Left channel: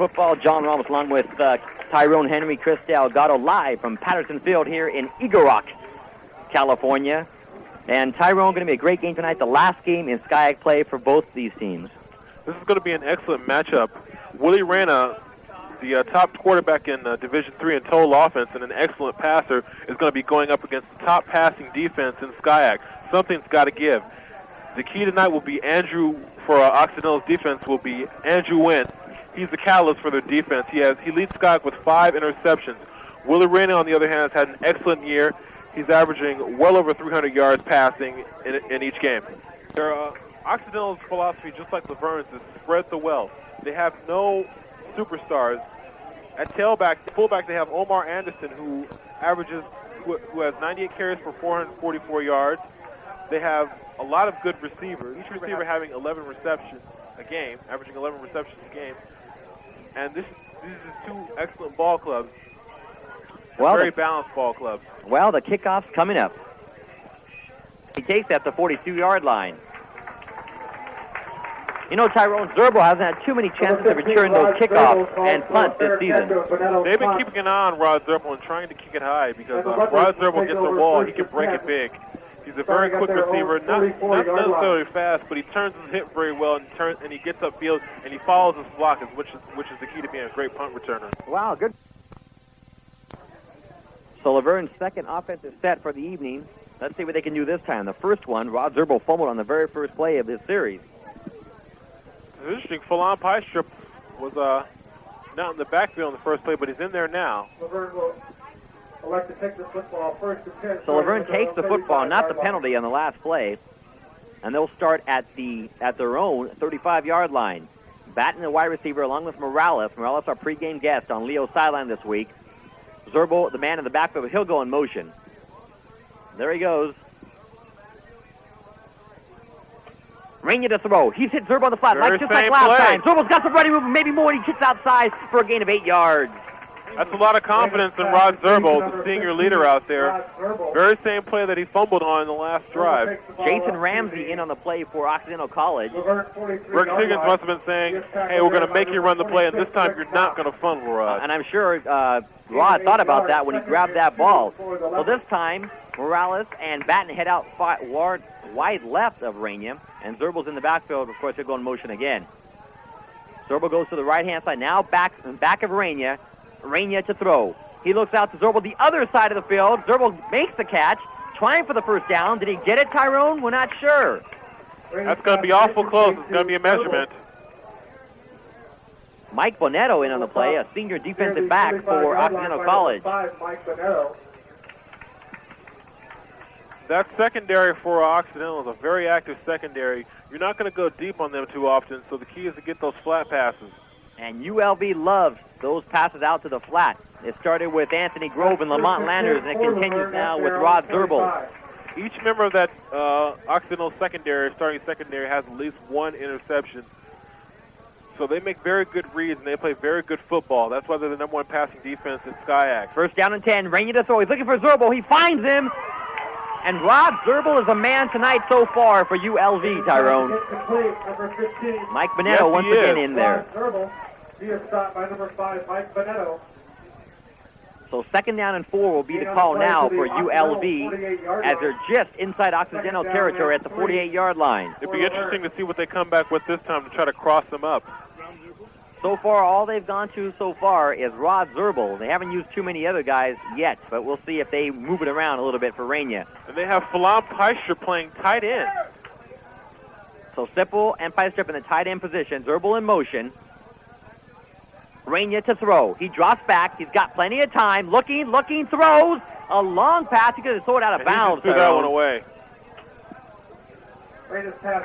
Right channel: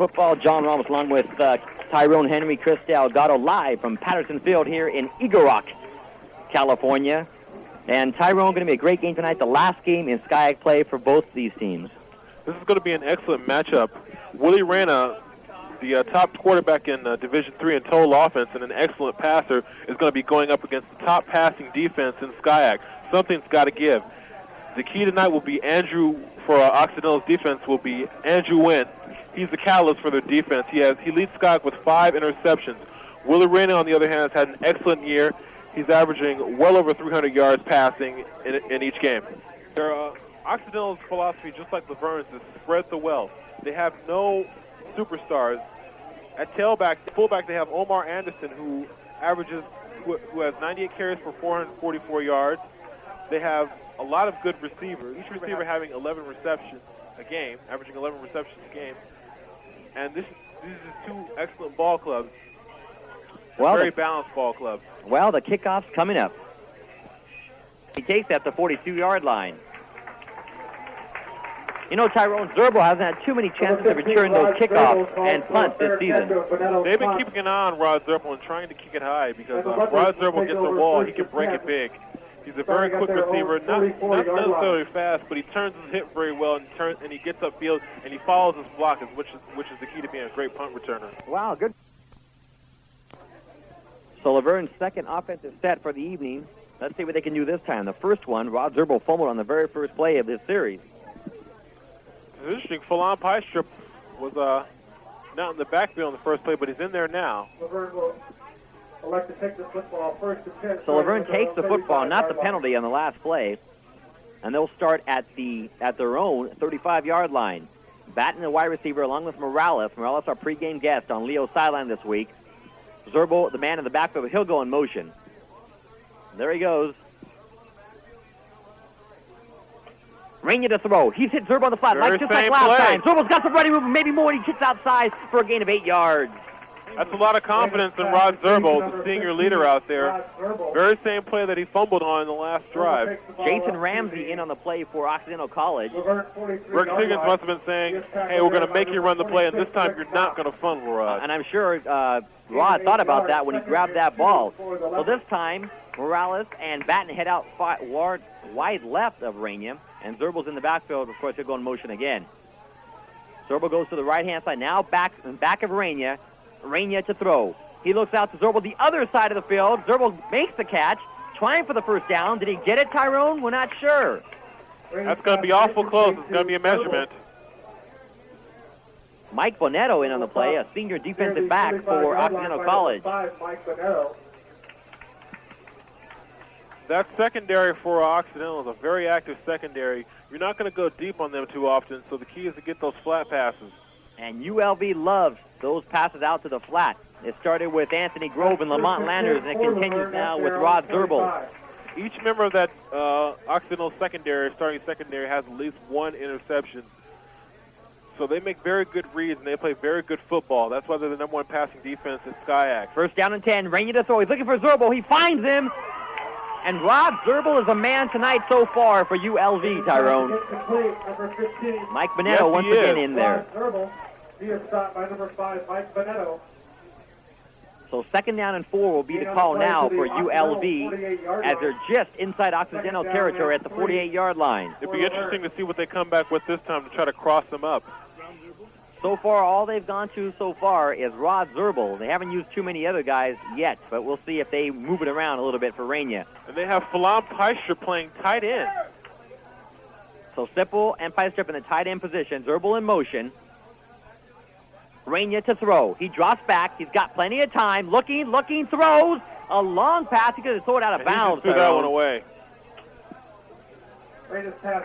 football. John Ramos along with Tyrone Henry, Chris Delgado, live from Patterson Field here in Eagle Rock, California. And Tyrone, going to be a great game tonight, the last game in SCIAC play for both these teams. This is going to be an excellent matchup. Willie Rana, the top quarterback in Division III in total offense and an excellent passer, is going to be going up against the top passing defense in SCIAC. Something's got to give. The key tonight will be for Occidental's defense will be Andrew Went. He's the catalyst for their defense. He leads SCIAC with 5 interceptions. Willie Rana, on the other hand, has had an excellent year. He's averaging well over 300 yards passing in each game. Occidental's philosophy, just like LaVerne's, is spread the wealth. They have no superstars. At fullback, they have Omar Anderson, who has 98 carries for 444 yards. They have a lot of good receivers. Each receiver having 11 receptions a game, averaging 11 receptions a game. And these are 2 excellent ball clubs. Very balanced ball clubs. Well, the kickoff's coming up. He takes at the 42-yard line. You know, Tyrone, Zerbo hasn't had too many chances to return those kickoffs and punts this season. They've been keeping an eye on Rod Zerbo and trying to kick it high because Rod Zerbo gets the ball, he can break it big. He's a very quick receiver, not necessarily fast, but he turns his hip very well and he gets upfield and he follows his block, which is the key to being a great punt returner. Wow, good. So LaVerne's second offensive set for the evening. Let's see what they can do this time. The first one, Rod Zerbo fumbled on the very first play of this series. It's interesting. Falon Piestrip was not in the backfield in the first play, but he's in there now. LaVerne will elect to take the football first and 10. So LaVerne takes the football, not the penalty on the last play, and they'll start at their own 35-yard line. Batting the wide receiver along with Morales. Morales, our pregame guest on Leo's sideline this week. Zerbo, the man in the backfield, he'll go in motion. There he goes. Rainier to throw. He's hit Zerbo on the flat, just like last time. Zerbo's got some running movement, maybe more. He kicks outside for a gain of 8 yards. That's a lot of confidence in Rod Zerbo, the senior leader out there. Very same play that he fumbled on in the last drive. Jason Ramsey in on the play for Occidental College. Rick Higgins must have been saying, hey, we're going to make you run the play, and this time you're not going to fumble, Rod. And I'm sure Rod thought about that when he grabbed that ball. Well, this time, Morales and Batten head out wide left of Rainier, and Zerbo's in the backfield. Of course, he'll go in motion again. Zerbo goes to the right-hand side, now back of Rainier. Rainier to throw. He looks out to Zerbo, the other side of the field. Zerbo makes the catch, trying for the first down. Did he get it, Tyrone? We're not sure. That's going to be awful close. It's going to be a measurement. Mike Bonetto in on the play, a senior defensive back for Occidental College. That secondary for Occidental is a very active secondary. You're not going to go deep on them too often, so the key is to get those flat passes. And ULV loves those passes out to the flat. It started with Anthony Grove and Lamont Landers, and it continues now with Rod Zerbo. Each member of that Occidental starting secondary, has at least 1 interception. So they make very good reads, and they play very good football. That's why they're the number 1 passing defense in SCIAC. First down and 10. Rainier to throw. He's looking for Zerbo. He finds him. And Rod Zerbo is a man tonight so far for ULV, Tyrone. Mike Bonetto once again in there. He is stopped by number 5, Mike Bonetto. So second down and 4 will be the call now for ULV as they're just inside Occidental territory at the 48-yard line. It'd be interesting to see what they come back with this time to try to cross them up. So far, all they've gone to so far is Rod Zerbo. They haven't used too many other guys yet, but we'll see if they move it around a little bit for Rainier. And they have Falon Piestrip playing tight end. So Sipple and Piestrip in the tight end position. Zerbo in motion. Rainier to throw. He drops back. He's got plenty of time. Looking, throws. A long pass. He could have thrown it out of bounds. He just threw that one away.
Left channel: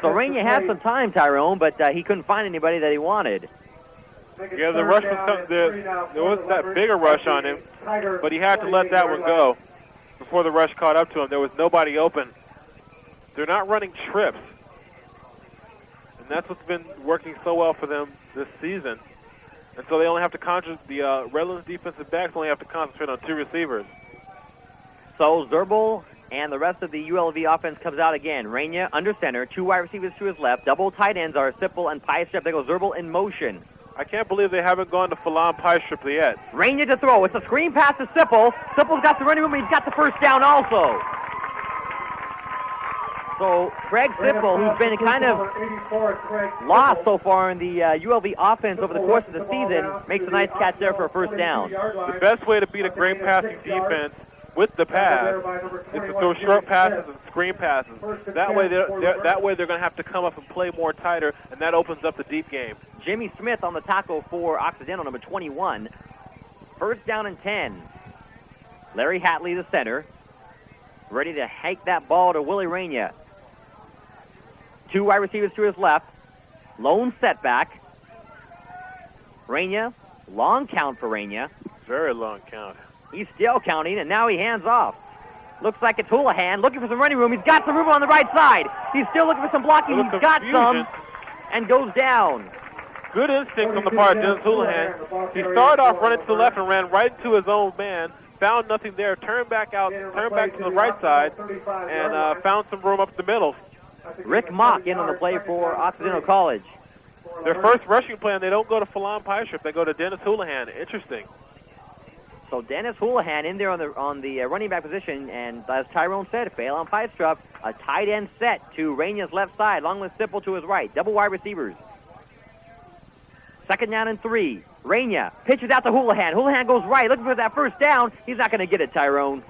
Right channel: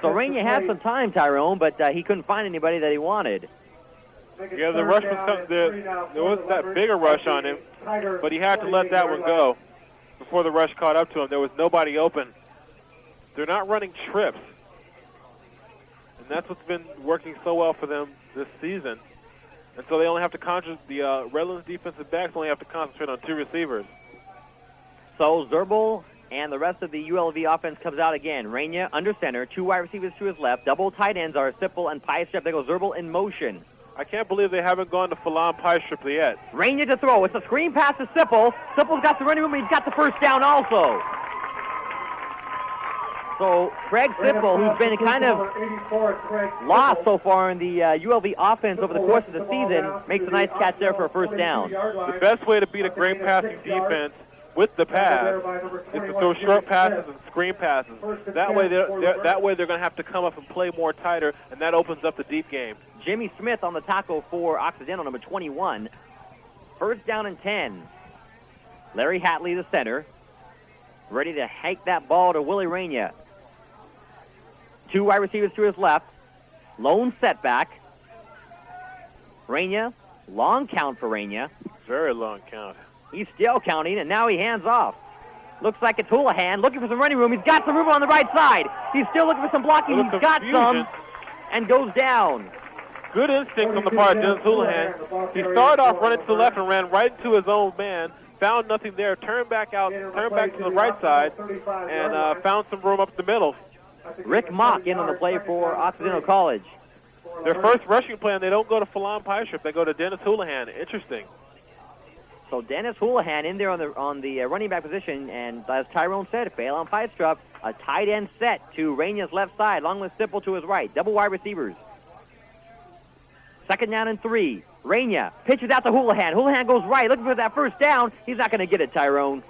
So Rainier had some time, Tyrone, but he couldn't find anybody that he wanted. Yeah, the rush was there wasn't that big a rush on him, but he had to let that one go before the rush caught up to him. There was nobody open. They're not running trips, and that's what's been working so well for them this season. And so they only have to concentrate. The Redlands defensive backs only have to concentrate on 2 receivers. So Zerbo and the rest of the ULV offense comes out again. Rainier under center, 2 wide receivers to his left. Double tight ends are Sipple and Piestrip. They go Zerbo in motion. I can't believe they haven't gone to Phelan Pie Strip yet. Rainier to throw. It's a screen pass to Sipple. Sipple's got the running room. He's got the first down also. So Craig Sipple, who's been kind of lost so far in the ULV offense over the course of the season, makes a nice catch there for a first down. The best way to beat a great passing defense with the pass is to throw short passes and screen passes. That way they're going to have to come up and play more tighter, and that opens up the deep game. Jimmy Smith on the tackle for Occidental, number 21. First down and 10. Larry Hatley, the center, ready to hike that ball to Willie Rainier. Two wide receivers to his left. Lone setback. Rainier, long count for Rainier. Very long count. He's still counting, and now he hands off. Looks like it's Houlihan looking for some running room. He's got some room on the right side. He's still looking for some blocking. He's got some, and goes down. Good instinct on the part of Dennis Houlihan. He started off running to the left and ran right into his own man. Found nothing there. Turned back to the right side, and found some room up the middle. Rick Mock in on the play for Occidental College. Their first rushing plan, they don't go to Phelan Pie Strip. They go to Dennis Houlihan. Interesting. So Dennis Houlihan in there on the running back position, and as Tyrone said, Phelan Pie Strip, a tight end set to Rainier's left side, along with Sipple to his right. Double wide receivers. Second down and 3. Rainier pitches out to Houlihan. Houlihan goes right, looking for that first down. He's not going to get it, Tyrone.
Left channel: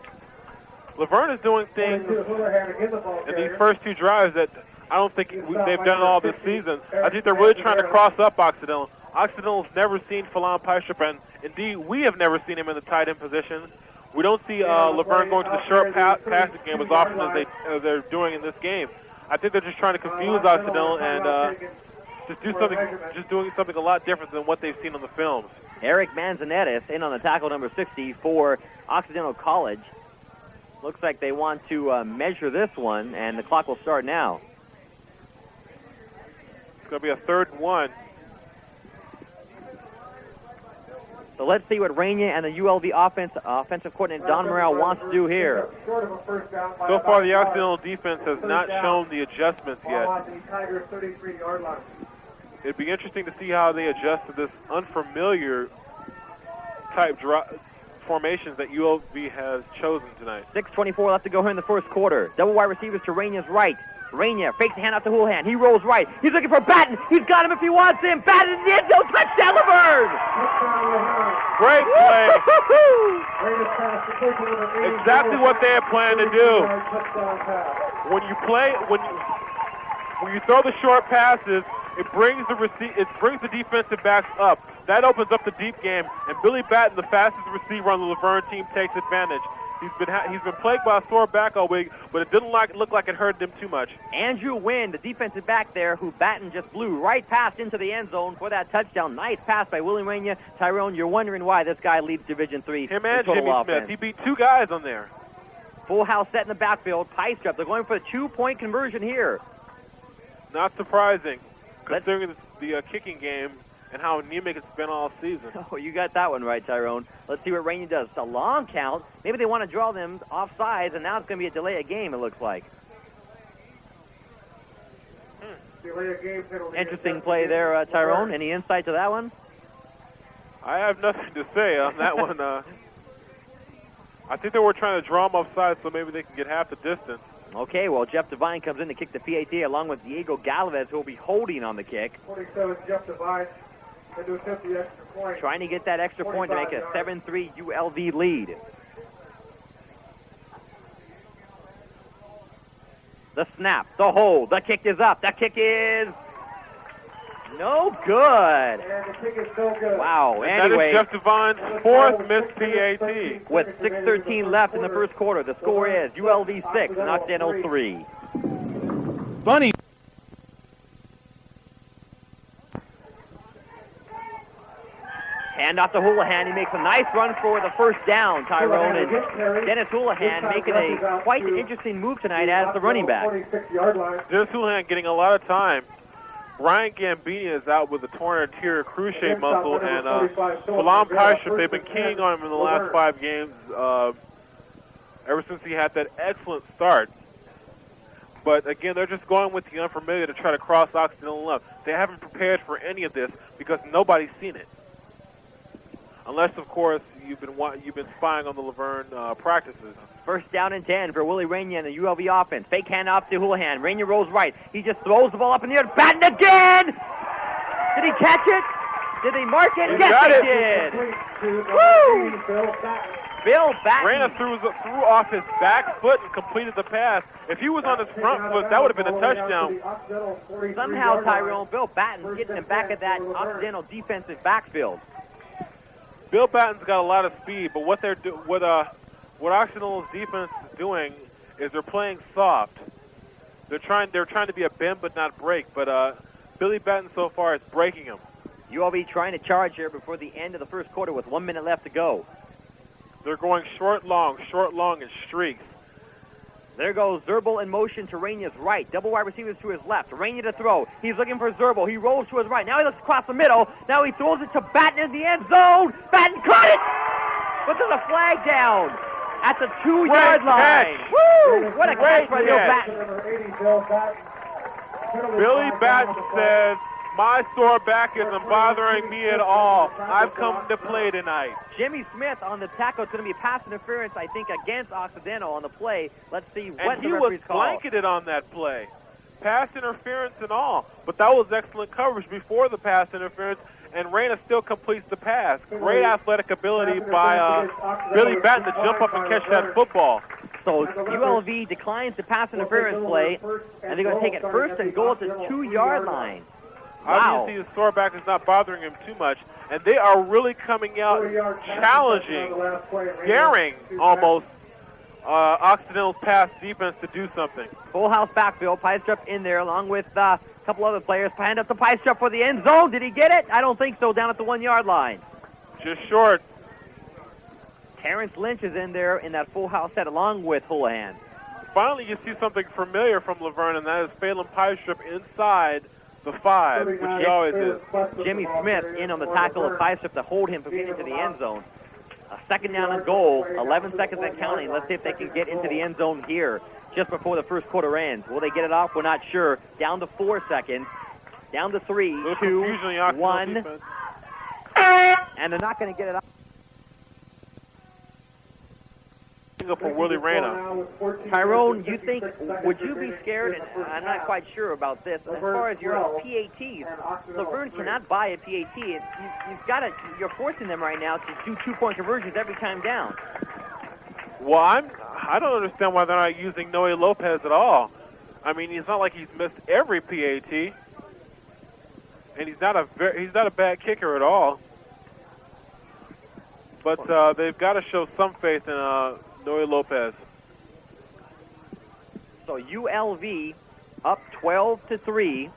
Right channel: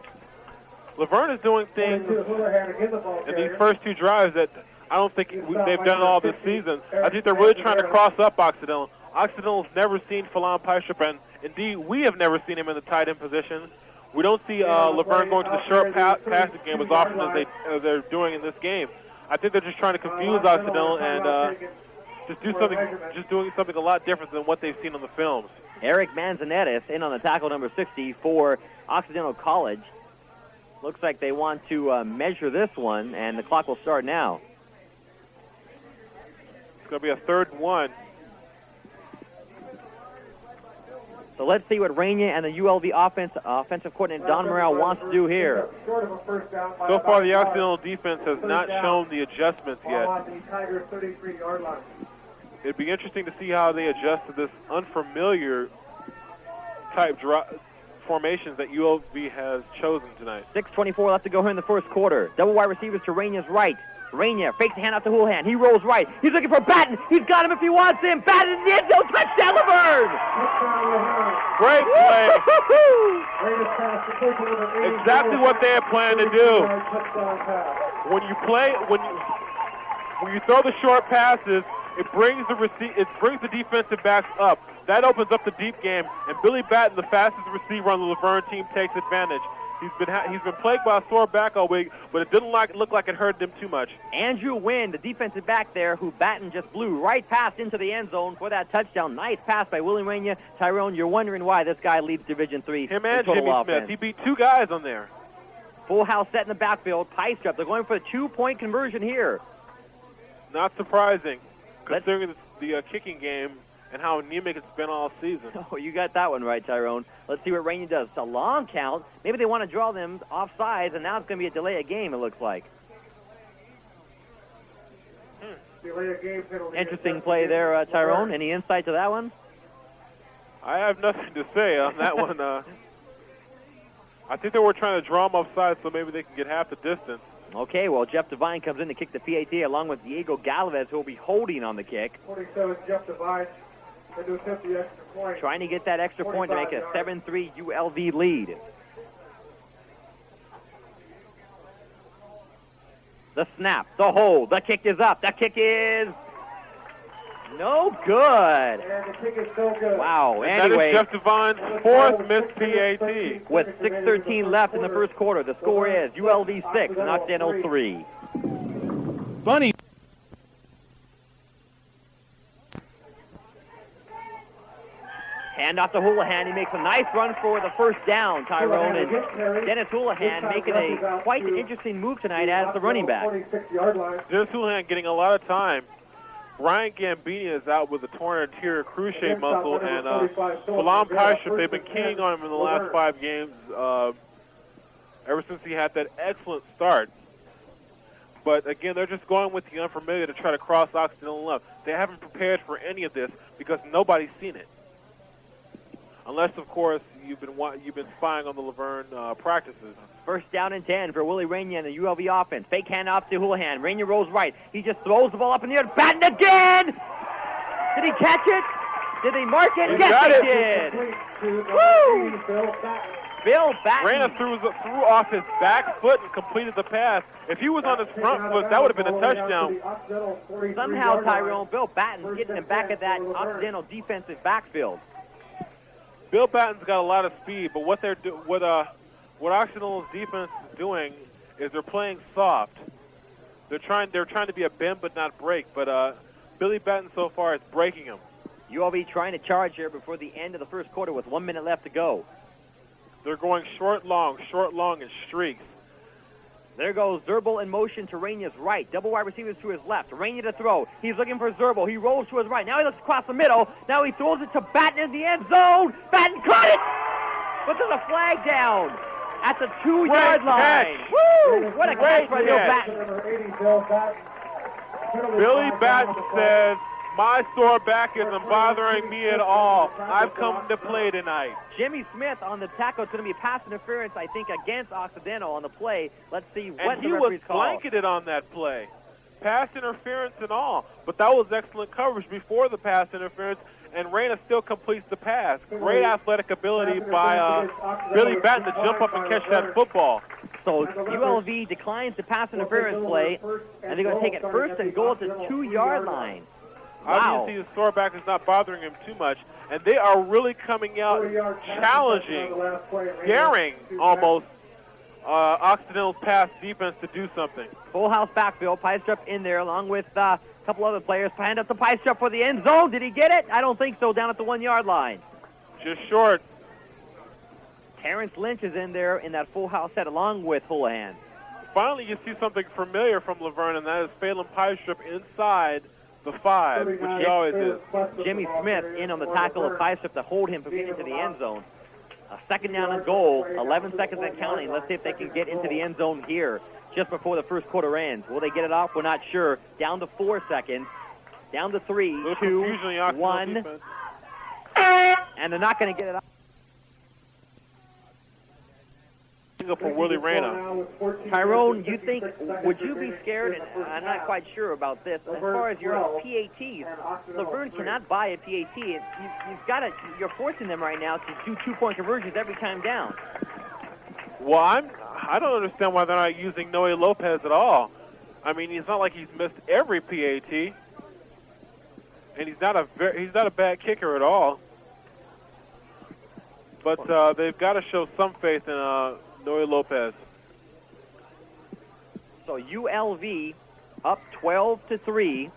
LaVerne is doing things in these first two drives that I don't think they've done all this season. I think they're really trying to cross up Occidental. Occidental's never seen Phelan Pie Strip, and indeed, we have never seen him in the tight end position. We don't see LaVerne going to the short passing game as often as they're doing in this game. I think they're just trying to confuse Occidental and doing something a lot different than what they've seen on the films. Eric Manzanetis in on the tackle, number 60 for Occidental College. Looks like they want to measure this one, and the clock will start now. It's going to be a 3rd and 1. So let's see what Rainier and the ULV offensive coordinator Don Morrell wants to do here. So far, the Occidental defense has not shown the adjustments yet. It'd be interesting to see how they adjust to this unfamiliar type formations that ULV has chosen tonight. 6:24 left to go here in the first quarter. Double wide receivers to Rainier's right. Rainier fakes the handout to Houlihan. He rolls right. He's looking for Batten. He's got him if he wants him. Batten in the end zone. Touchdown, LaVerne! Great play. Exactly what they had planned to do. When you throw the short passes, it brings the defensive backs up. That opens up the deep game, and Billy Batten, the fastest receiver on the LaVerne team, takes advantage. He's been plagued by a sore back all week, but it didn't look like it hurt him too much. Andrew Wynn, the defensive back there, who Batten just blew right past into the end zone for that touchdown. Nice pass by Willie Rainier. Tyrone, you're wondering why this guy leads Division III. Him and Jimmy Smith. He beat two guys on there. Full house set in the backfield. Pie Strip. They're going for a 2-point conversion here. Not surprising, considering the kicking game and how anemic it's been all season. Oh, you got that one right, Tyrone. Let's see what Rainier does. It's a long count. Maybe they want to draw them off sides, and now it's going to be a delay of game, it looks like. Interesting play there, Tyrone. Any insight to that one? I have nothing to say on that one. I think they were trying to draw them off sides so maybe they can get half the distance. Okay, well, Jeff Devine comes in to kick the PAT along with Diego Galvez, who will be holding on the kick. 47, Jeff Devine. To attempt the extra point. Trying to get that extra point to make it a 7-3 ULV lead. The snap, the hold, the kick is up. That kick is no good. And the kick is so good. Wow, That anyway. is Jeff Devine's 4th missed PAT. With 6:13 left in the first quarter, the score is ULV 6 and Occidental 3. Funny. Hand off to Houlihan. He makes a nice run for the first down, Tyrone. And Dennis Houlihan making a quite interesting move tonight as the running back. Dennis Houlihan getting a lot of time. Ryan Gambini is out with a torn anterior cruciate muscle, and Phelan Pie Strip, they've been keying on him in the last 5 games ever since he had that excellent start. But, again, they're just going with the unfamiliar to try to cross Occidental up. They haven't prepared for any of this because nobody's seen it. Unless, of course, you've been spying on the LaVerne practices. First down and 10 for Willie Rainier and the ULV offense. Fake handoff to Houlihan. Rainier rolls right. He just throws the ball up in the air. Batten again! Did he catch it? Did he mark it? Yes, he did! Woo! Bill Batten. Raina threw off his back foot and completed the pass. If he was on his front foot, that would have been a touchdown. Somehow, Tyrone, Bill Batten getting him back at that Occidental defensive backfield. Bill Batten's got a lot of speed, but what Occidental's defense is doing is they're playing soft. They're trying to be a bend but not break, but Billy Batten so far is breaking him. ULV trying to charge here before the end of the first quarter with 1 minute left to go. They're going short, long, and streaks. There goes Zerbal in motion to Rainier's right. Double wide receivers to his left. Rainier to throw. He's looking for Zerbal. He rolls to his right. Now he looks across the middle. Now he throws it to Batten in the end zone. Batten caught it! But there's a flag down at the 2-yard line. Woo! What a catch by Bill Batten. Billy Batten said, "My sore back isn't bothering me at all. I've come to play tonight." Jimmy Smith on the tackle. It's going to be pass interference, I think, against Occidental on the play. Let's see what the referees call. And he was blanketed on that play. Pass interference and all. But that was excellent coverage before the pass interference, and Raina still completes the pass. Great athletic ability by Billy Batten to jump up and catch that football. So ULV declines the pass interference play, and they're going to take it first and goal at the 2-yard line. Wow. Obviously, the sore back is not bothering him too much, and they are really coming out challenging, daring almost Occidental's pass defense to do something. Full house backfield. Piestrup in there along with a couple other players. Hand up to Piestrup for the end zone. Did he get it? I don't think so. Down at the 1-yard line. Just short. Terrence Lynch is in there in that full house set along with Houlihan. Finally, you see something familiar from LaVerne, and that is Phelan Piestrup inside the 5, which he always is. Jimmy Smith in on the tackle of Piestrup to hold him from getting into the end zone. A second down and goal, 11 seconds and counting. Let's see if they can get into the end zone here just before the first quarter ends. Will they get it off? We're not sure. Down to 4 seconds. Down to 3, 2, 1. And they're not going to get it off. For Willie Raina. Tyrone, would you be scared, and I'm not quite sure about this, as far as your PATs, LaVerne cannot buy a PAT. You're forcing them right now to do 2-point conversions every time down. Well, I don't understand why they're not using Noe Lopez at all. I mean, it's not like he's missed every PAT, and he's not a bad kicker at all. But they've got to show some faith in Noe Lopez. So ULV up 12-3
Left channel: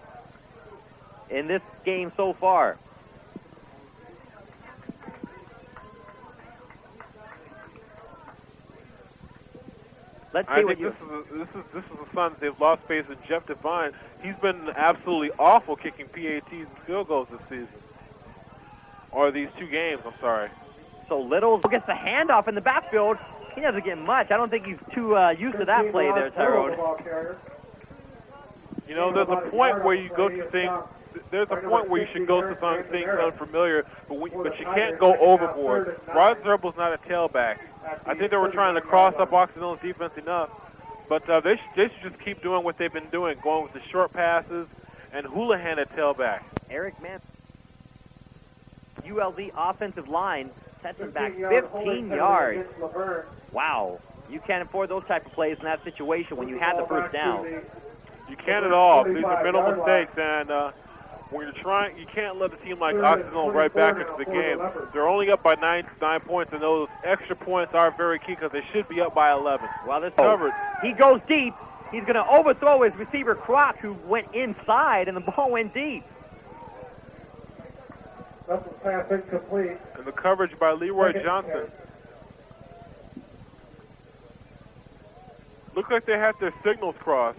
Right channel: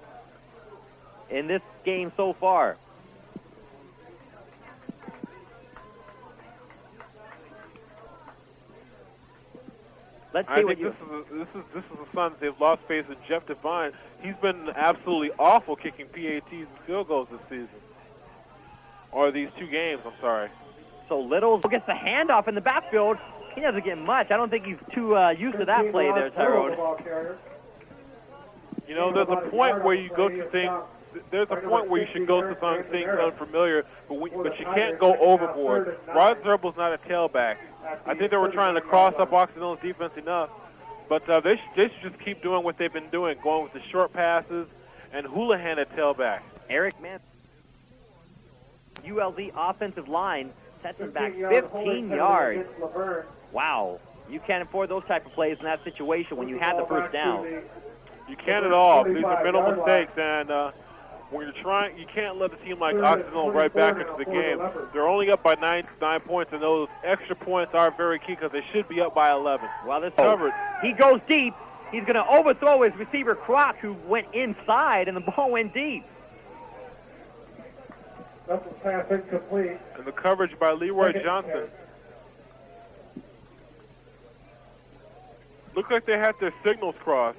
in this game so far. Let's see what you... This is the Suns. They've lost faith in Jeff Devine. He's been absolutely awful kicking PATs and field goals this season. Or these 2 games, I'm sorry. So Little gets the handoff in the backfield. He doesn't get much. I don't think he's too used to that play there, Tyrone. You know, there's a point where you go to things. There's a point where you should go to things unfamiliar, but you can't go overboard. Rod Zerbal's not a tailback. I think they were trying to cross up Occidental's defense enough, but they should just keep doing what they've been doing, going with the short passes and Houlihan at tailback. Eric Mann, ULV offensive line, sets him back 15 yards. Wow. You can't afford those type of plays in that situation when you have the first down. You can't at all. These are mental mistakes, and when you're trying, you can't let a team like Occidental right back into the game. They're only up by 9 points, and those extra points are very key because they should be up by 11. Well, this covered. He goes deep. He's going to overthrow his receiver, Croc, who went inside, and the ball went deep. That's a pass incomplete. And the coverage by Leroy Johnson. Looks like they had their signals crossed.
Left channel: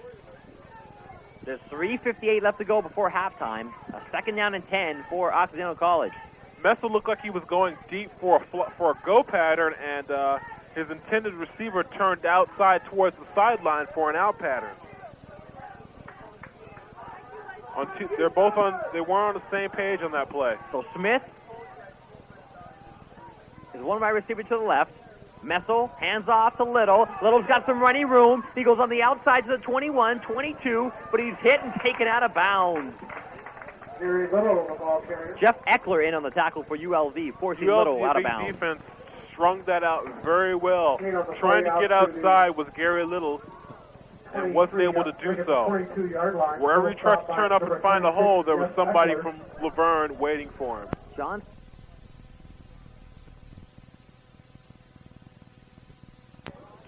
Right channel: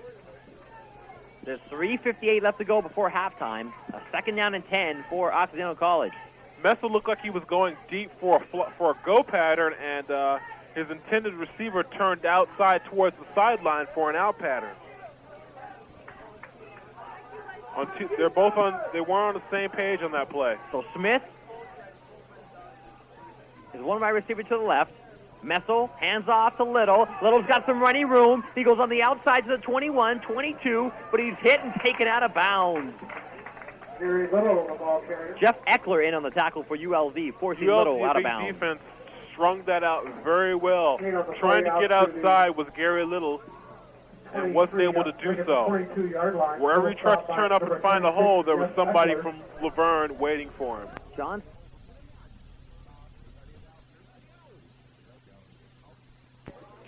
There's 3:58 left to go before halftime. A second down and 10 for Occidental College. Mesa looked like he was going deep for a go pattern, and his intended receiver turned outside towards the sideline for an out pattern. They're both on. They weren't on the same page on that play. So Smith is one wide receiver to the left. Messel, hands off to Little. Little's got some running room. He goes on the outside to the 21, 22, but he's hit and taken out of bounds. Jeff Eckler in on the tackle for ULV, forcing Little out of bounds. Defense strung that out very well. Trying to get outside was Gary Little, and wasn't able to do so. Wherever he tried to turn up and find a hole, there was somebody from LaVerne waiting for him. John?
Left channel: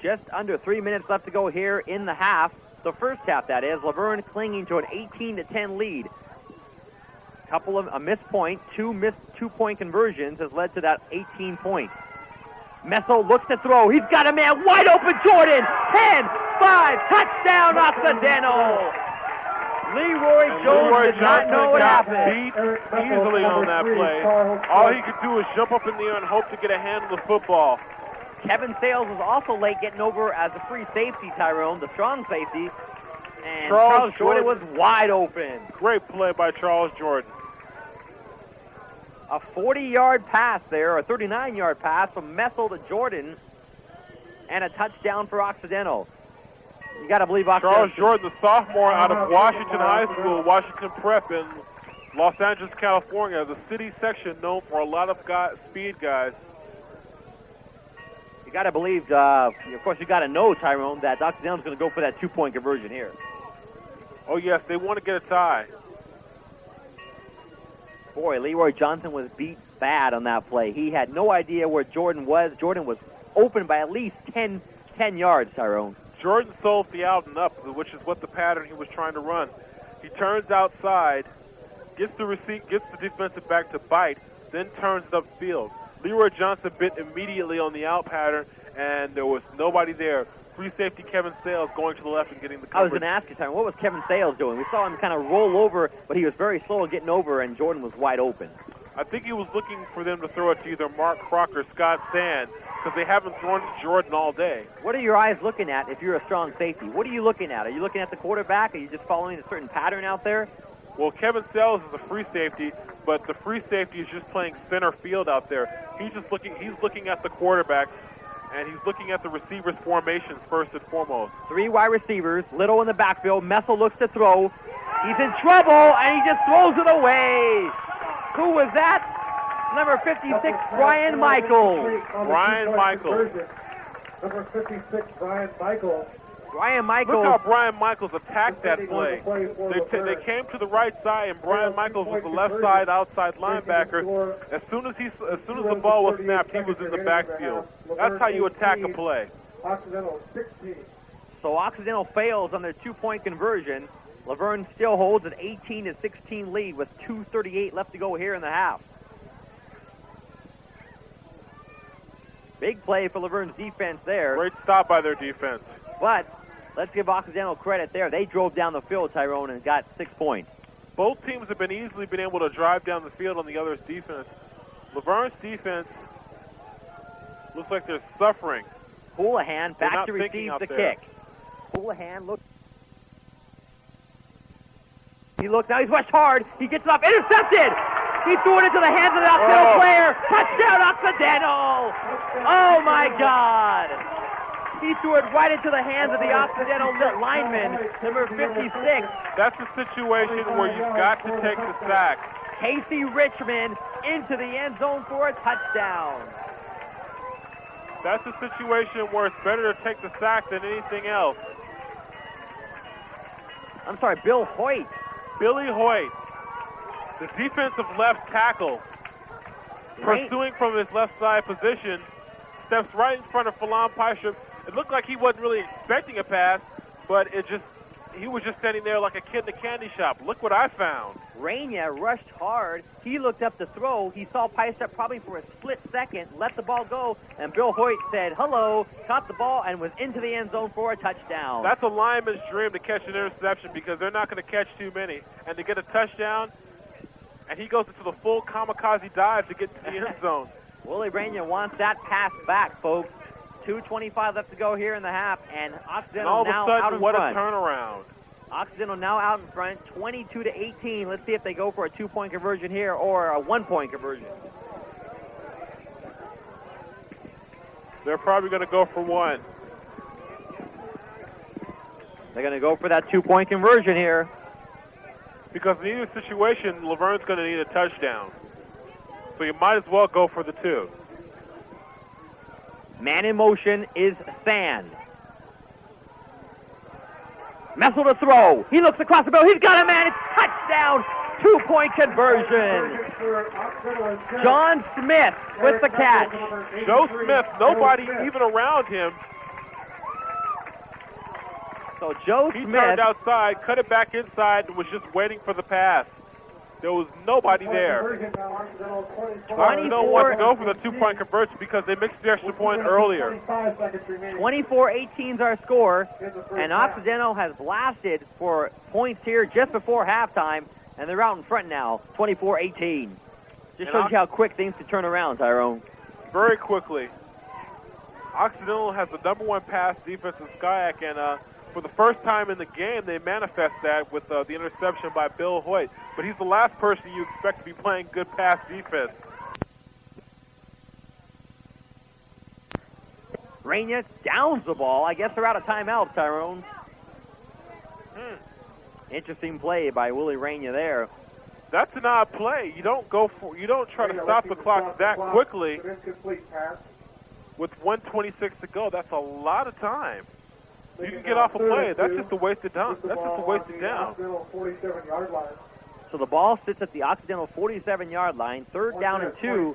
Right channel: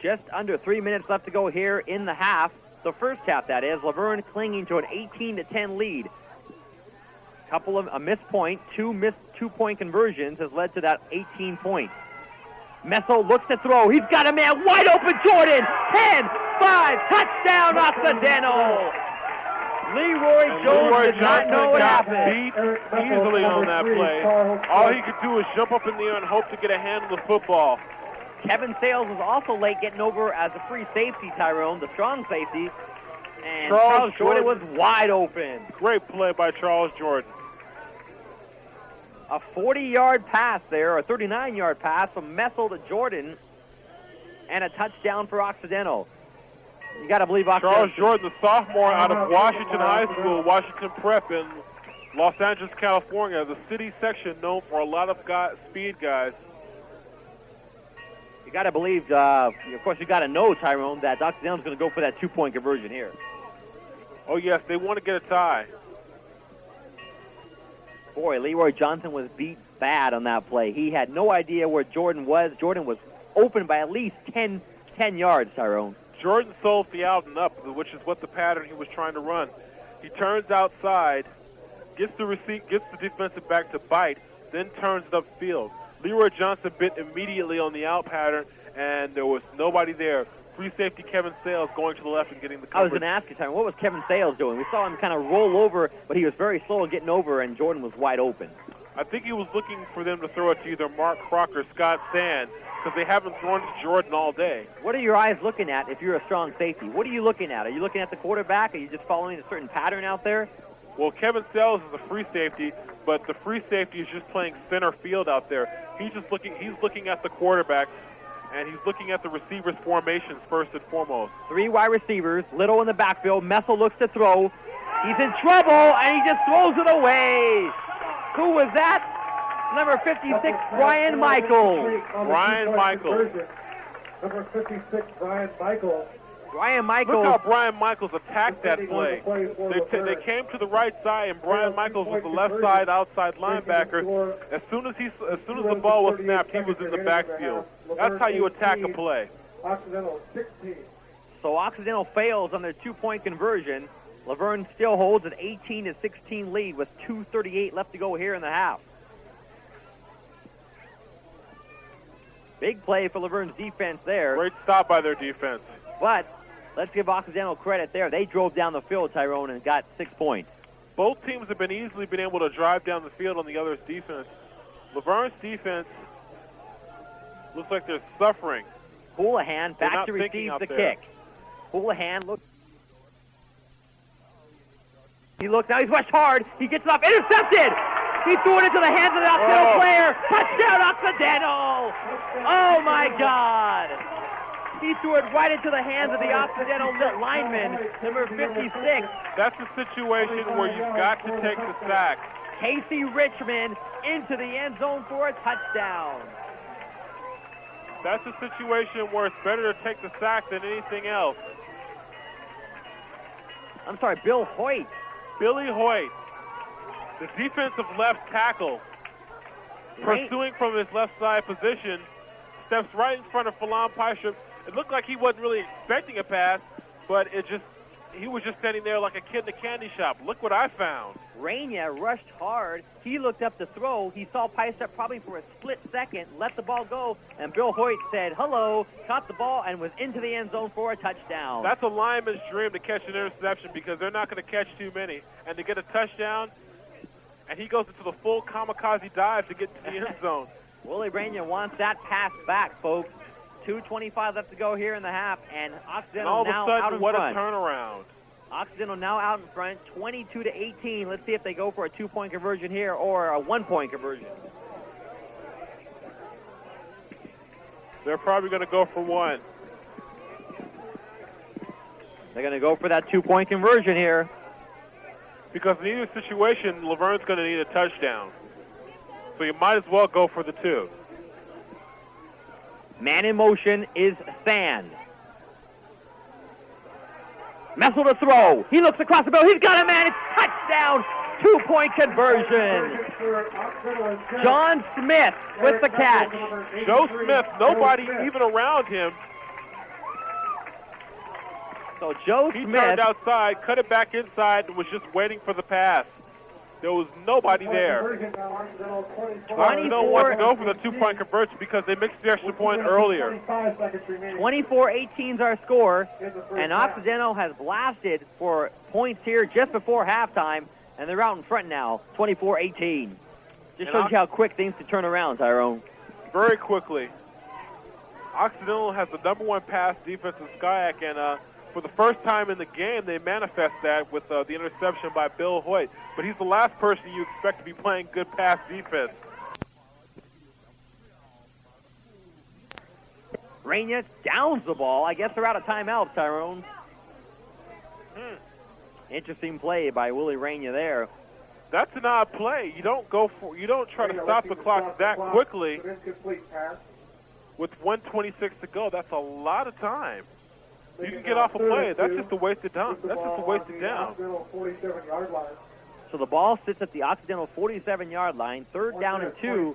Just under 3 minutes left to go here in the half. The first half, that is. LaVerne clinging to an 18-10 lead. A missed point, two missed two-point conversions has led to that 18 points. Messel looks to throw. He's got a man wide open. Jordan, 10, 5, touchdown Occidental. Leroy Jones did not know what happened. Beat easily on that play. All he could do is jump up in the air and hope to get a hand on the football. Kevin Sales was also late getting over as a free safety, Tyrone, the strong safety. And Charles Jordan was wide open. Great play by Charles Jordan. A 40-yard pass there, a 39-yard pass from Messel to Jordan, and a touchdown for Occidental. You got to believe Occidental. Charles Jordan, the sophomore out of Washington High School, Washington Prep in Los Angeles, California, the city section known for a lot of speed guys. You got to believe, of course, you got to know, Tyrone, that Occidental's going to go for that two-point conversion here. Oh, yes, they want to get a tie. Boy, Leroy Johnson was beat bad on that play. He had no idea where Jordan was. Jordan was open by at least 10 yards, Tyrone. Jordan sold Thealden up, which is what the pattern he was trying to run. He turns outside, gets the defensive back to bite, then turns it upfield. Leroy Johnson bit immediately on the out pattern, and there was nobody there. Free safety Kevin Sales going to the left and getting the coverage. I was going to ask you, Tyrone, what was Kevin Sales doing? We saw him kind of roll over, but he was very slow getting over, and Jordan was wide open. I think he was looking for them to throw it to either Mark Crocker or Scott Sand, because they haven't thrown to Jordan all day. What are your eyes looking at if you're a strong safety? What are you looking at? Are you looking at the quarterback? Are you just following a certain pattern out there? Well, Kevin Sales is a free safety, but the free safety is just playing center field out there. He's looking at the quarterback, and he's looking at the receivers' formations first and foremost. Three wide receivers, Little in the backfield. Messel looks to throw. He's in trouble, and he just throws it away. Who was that? Number 56, Brian Michaels. Brian Michaels. Number 56, Brian Michaels. Brian Michaels. Look how Brian Michaels attacked that play. They came to the right side, and Brian Michaels was the left side outside linebacker. As soon as the ball was snapped, he was in the backfield. That's how you attack a play. Occidental 16. So Occidental fails on their two-point conversion. LaVerne still holds an 18-16 lead with 2:38 left to go here in the half. Big play for LaVerne's defense there. Great stop by their defense. But let's give Occidental credit there. They drove down the field, Tyrone, and got 6 points. Both teams have been easily able to drive down the field on the other's defense. LaVerne's defense looks like they're suffering. Houlihan back to receive the kick. Houlihan looks. He looked out. He's rushed hard. He gets off. Intercepted. He threw it into the hands of the Occidental player. Touchdown, Occidental. Oh, my God. He threw it right into the hands of the Occidental lineman, number 56. That's a situation where you've got to take the sack. Casey Richmond into the end zone for a touchdown. That's a situation where it's better to take the sack than anything else. I'm sorry, Bill Hoyt. Billy Hoyt, the defensive left tackle, pursuing from his left side position, steps right in front of Phelan Pysher. It looked like he wasn't really expecting a pass, but he was just standing there like a kid in a candy shop. Look what I found. Rainier rushed hard. He looked up to throw. He saw Pysher probably for a split second, let the ball go, and Bill Hoyt said hello, caught the ball, and was into the end zone for a touchdown. That's a lineman's dream to catch an interception because they're not going to catch too many. And to get a touchdown, and he goes into the full kamikaze dive to get to the end zone. Willie Rainier wants that pass back, folks. 2:25 left to go here in the half, and Occidental and all of now a sudden, out in what front. A turnaround. Occidental now out in front, 22-18. Let's see if they go for a 2-point conversion here or a 1-point conversion. They're probably going to go for one. They're going to go for that 2-point conversion here. Because in either situation, LaVerne's going to need a touchdown. So you might as well go for the 2. Man in motion is Sand. Messel to throw. He looks across the middle. He's got a man. It's touchdown. 2-point conversion. John Smith with the catch. Joe Smith, nobody even around him. So Joe He Smith turned outside, cut it back inside, and was just waiting for the pass. There was nobody there. Occidental want to go for the 2-point conversion because they missed the extra point earlier. 24-18 is our score, and Occidental has blasted for points here just before halftime, and they're out in front now, 24-18. Just shows you how quick things can turn around, Tyrone. Very quickly. Occidental has the #1 pass defense in SCIAC, and for the first time in the game, they manifest that with the interception by Bill Hoyt. But he's the last person you expect to be playing good pass defense. Rainier downs the ball. I guess they're out of timeout, Tyrone. Interesting play by Willie Rainier there. That's an odd play. You don't try to stop the clock that quickly with 1:26 to go. That's a lot of time. You can get off a play. That's just a wasted down. That's just a wasted down. So the ball sits at the Occidental 47-yard line. 3rd down and 2.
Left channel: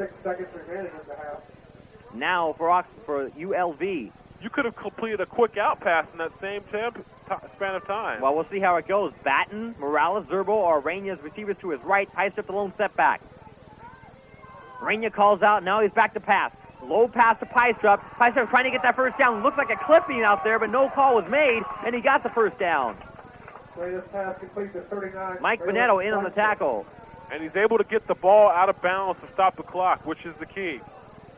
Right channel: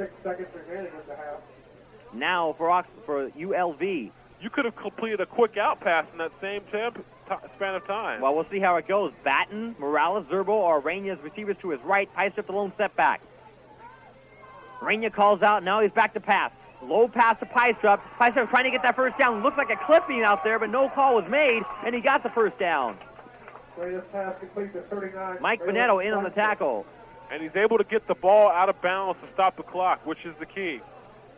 Now for ULV. You could have completed a quick out pass in that same span of time. Well, we'll see how it goes. Batten, Morales, Zerbo are Rainier's receivers to his right. Piestrup the lone step back. Rainier calls out. Now he's back to pass. Low pass to Piestrup. Piestrup trying to get that first down. Looks like a clipping out there, but no call was made, and he got the first down. Mike Bonetto in on the tackle. And he's able to get the ball out of bounds to stop the clock, which is the key.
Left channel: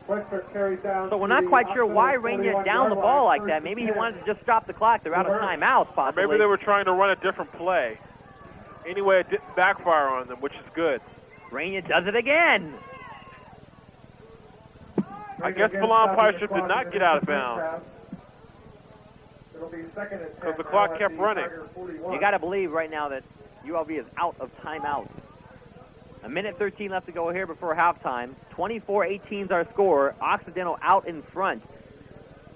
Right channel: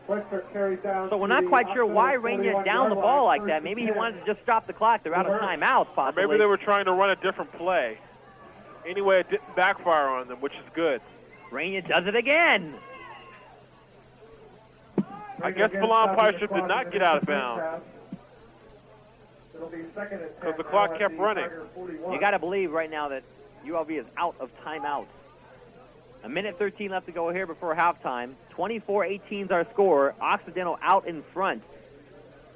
So we're not quite sure why Rainier downed the ball like that. Maybe he wanted to just stop the clock. They're out of timeouts, possibly. Maybe they were trying to run a different play. Anyway, it didn't backfire on them, which is good. Rainier does it again. I guess Milan Piestrup did not get out of bounds because the clock kept running. You got to believe right now that ULV is out of timeouts. 1:13 left to go here before halftime. 24-18 is our score. Occidental out in front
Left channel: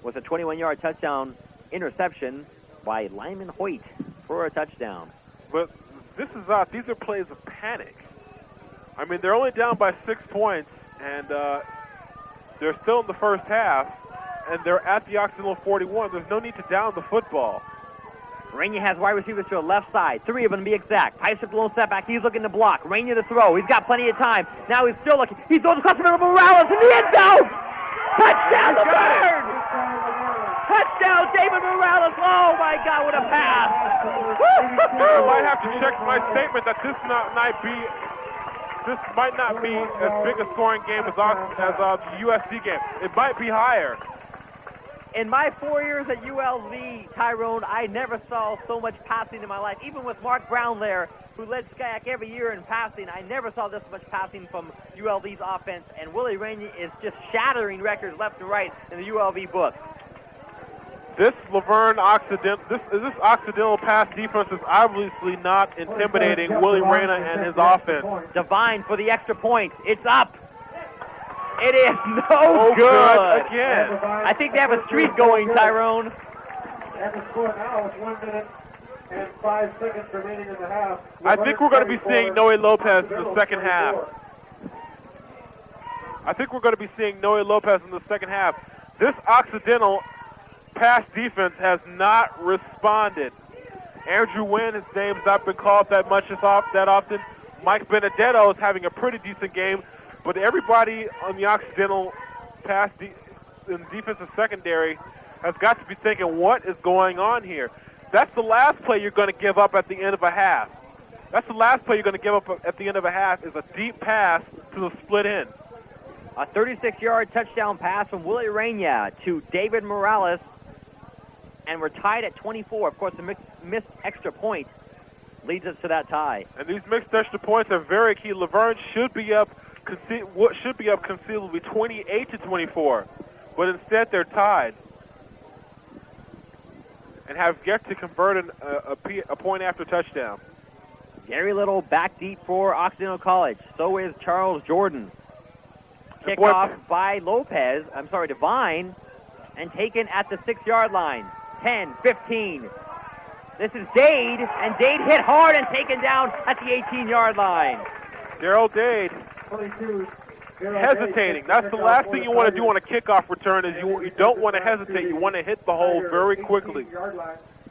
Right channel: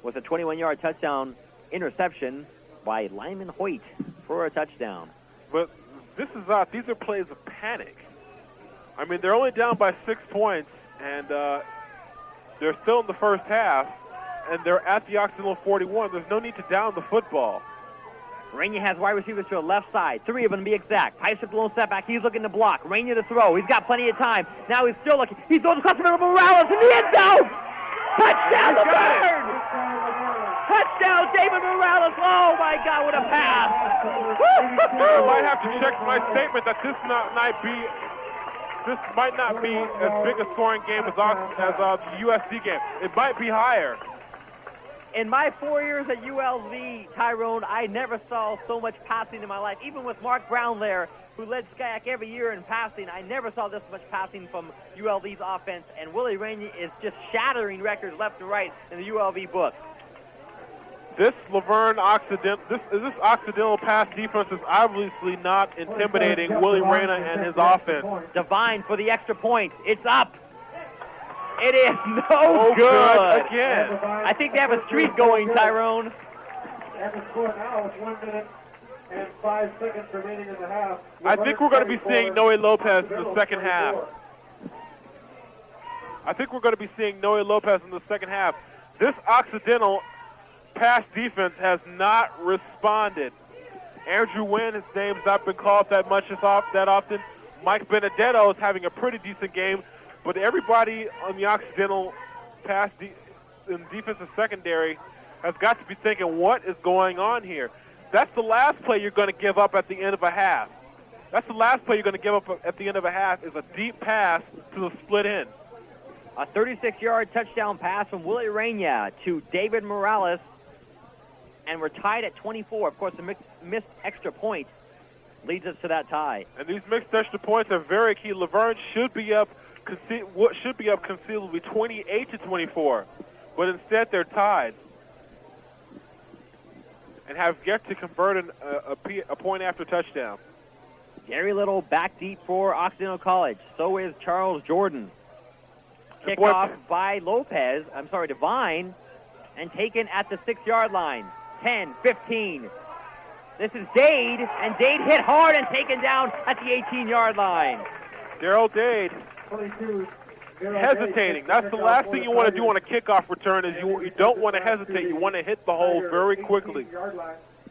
with a 21-yard touchdown interception by Lyman Hoyt for a touchdown. But this is odd. These are plays of panic. I mean, they're only down by 6 points, and they're still in the first half, and they're at the Occidental 41. There's no need to down the football. Rainier has wide receivers to the left side. 3 of them to be exact. Piestrup the lone step back. He's looking to block. Rainier to throw. He's got plenty of time. Now he's still looking. He throws across the middle of Morales in the end zone. Touchdown, LaVerne! Touchdown, David Morales. Oh, my God, what a pass. I might have to check my statement that this might not be as big a scoring game as the USC game. It might be higher. In my 4 years at ULV, Tyrone, I never saw so much passing in my life. Even with Mark Brown there, who led SCIAC every year in passing, I never saw this much passing from ULV's offense. And Willie Rainier is just shattering records left and right in the ULV book. This LaVerne this Occidental pass defense is obviously not intimidating Willie Rainier and his offense. Devine for the extra point. It's up. It is no good. Again. I think they have a streak going, Tyrone. At the score now with 1 minute and 5 seconds remaining in the half. I think we're going to be seeing Noe Lopez in the second half. This Occidental pass defense has not responded. Andrew Wynn, his name's not been called that often. Mike Benedetto is having a pretty decent game. But everybody on the Occidental pass in defensive secondary has got to be thinking, what is going on here? That's the last play you're going to give up at the end of a half. That's the last play you're going to give up at the end of a half is a deep pass to the split end. A 36-yard touchdown pass from Willie Rainier to David Morales. and we're tied at 24. Of course, the missed extra point leads us to that tie. And these mixed extra points are very key. LaVerne should be up conceivably 28-24, but instead they're tied and have yet to convert a point after touchdown. Gary Little back deep for Occidental College. So is Charles Jordan. Kickoff by Devine, and taken at the 6-yard line. 10, 15. This is Dade, and Dade hit hard and taken down at the 18-yard line. Daryl Dade 22. hesitating. That's the last thing you want to do on a kickoff return is you don't want to hesitate. You want to hit the hole very quickly.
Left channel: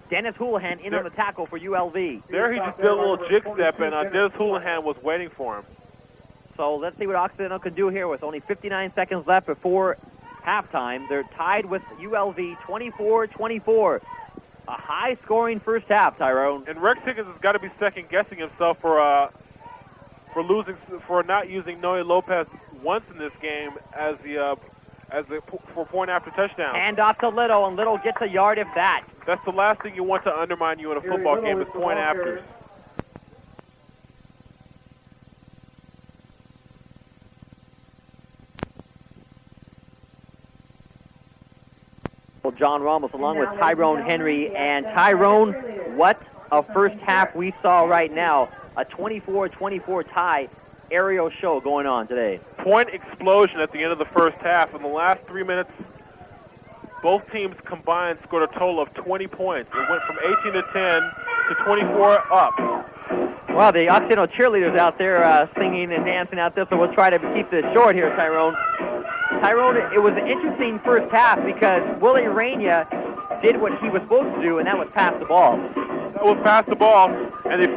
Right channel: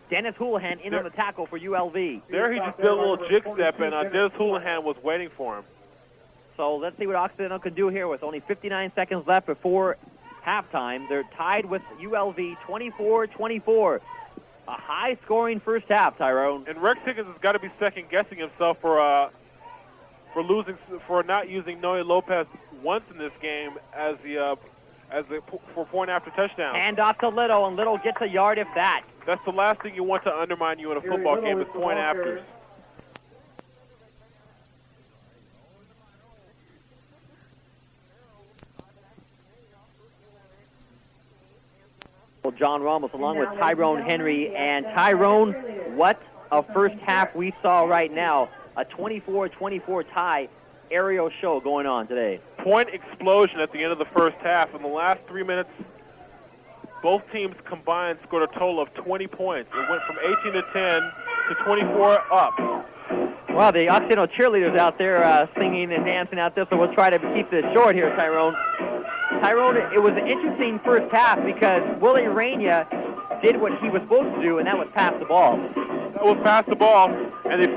Dennis Houlihan in on the tackle for ULV. There he just did a little jig step, and Dennis Houlihan was waiting for him. So let's see what Occidental can do here with only 59 seconds left before halftime. They're tied with ULV 24-24. A high-scoring first half, Tyrone. And Rex Higgins has got to be second-guessing himself for not using Noe Lopez once in this game for point after touchdown. Hand off to Little, and Little gets a yard if that. That's the last thing you want to undermine you in a football game is point after. John Ramos along with Tyrone Henry. And Tyrone, what a first half we saw right now. A 24-24 tie. Aerial show going on today. Point explosion at the end of the first half. In the last 3 minutes, both teams combined scored a total of 20 points. It went from 18-10 to 24 up. Well, the Occidental cheerleaders out there singing and dancing out there, so we'll try to keep this short here, Tyrone. Tyrone, it was an interesting first half because Willie Raina did what he was supposed to do, and that was pass the ball. That was pass the ball, and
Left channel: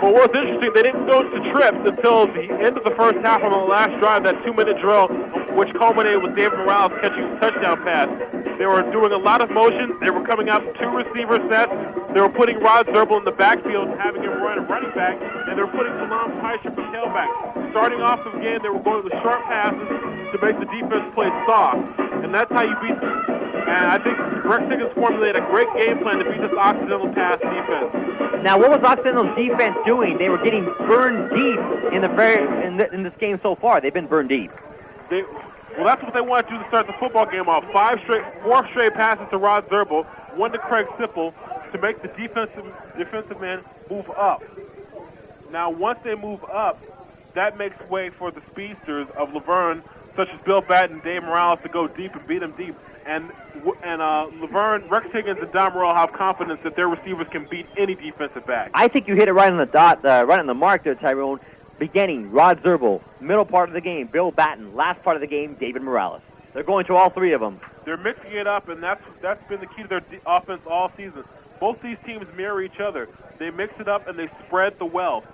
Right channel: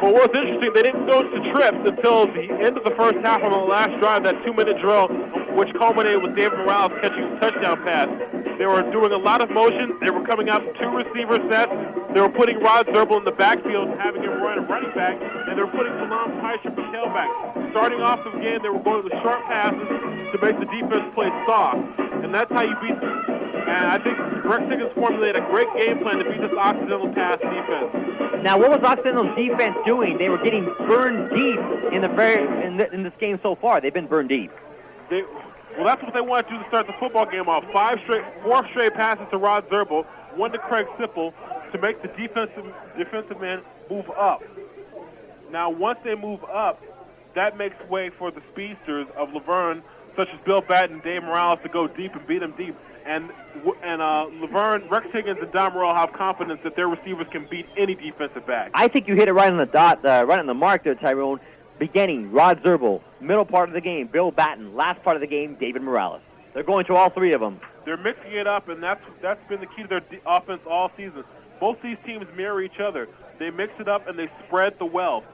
but what's interesting, they didn't go to trips until the end of the first half on the last drive, that 2-minute drill, which culminated with David Morales catching a touchdown pass. They were doing a lot of motions. They were coming out 2 receiver sets. They were putting Rod Zerbel in the backfield and having him run a running back, and they were putting Salam Teicher for tailback. Starting off the game, they were going with short passes to make the defense play soft, and that's how you beat them. And I think Rex Higgins formulated a great game plan to beat this Occidental pass defense. Now, what was Occidental's defense doing? They were getting burned deep in this game so far. They've been burned deep. Well, that's what they want to do to start the football game off. 4 straight passes to Rod Zerbel, 1 to Craig Sipple to make the defensive men move up. Now, once they move up, that makes way for the speedsters of LaVerne, such as Bill Batten and Dave Morales, to go deep and beat them deep. And LaVerne, Rex Higgins, and Don Morrell have confidence that their receivers can beat any defensive back. I think you hit it right on the dot, right on the mark there, Tyrone. Beginning, Rod Zerbel. Middle part of the game, Bill Batten. Last part of the game, David Morales. They're going to all 3 of them. They're mixing it up, and that's been the key to their offense all season. Both these teams mirror each other. They mix it up, and they spread the wealth.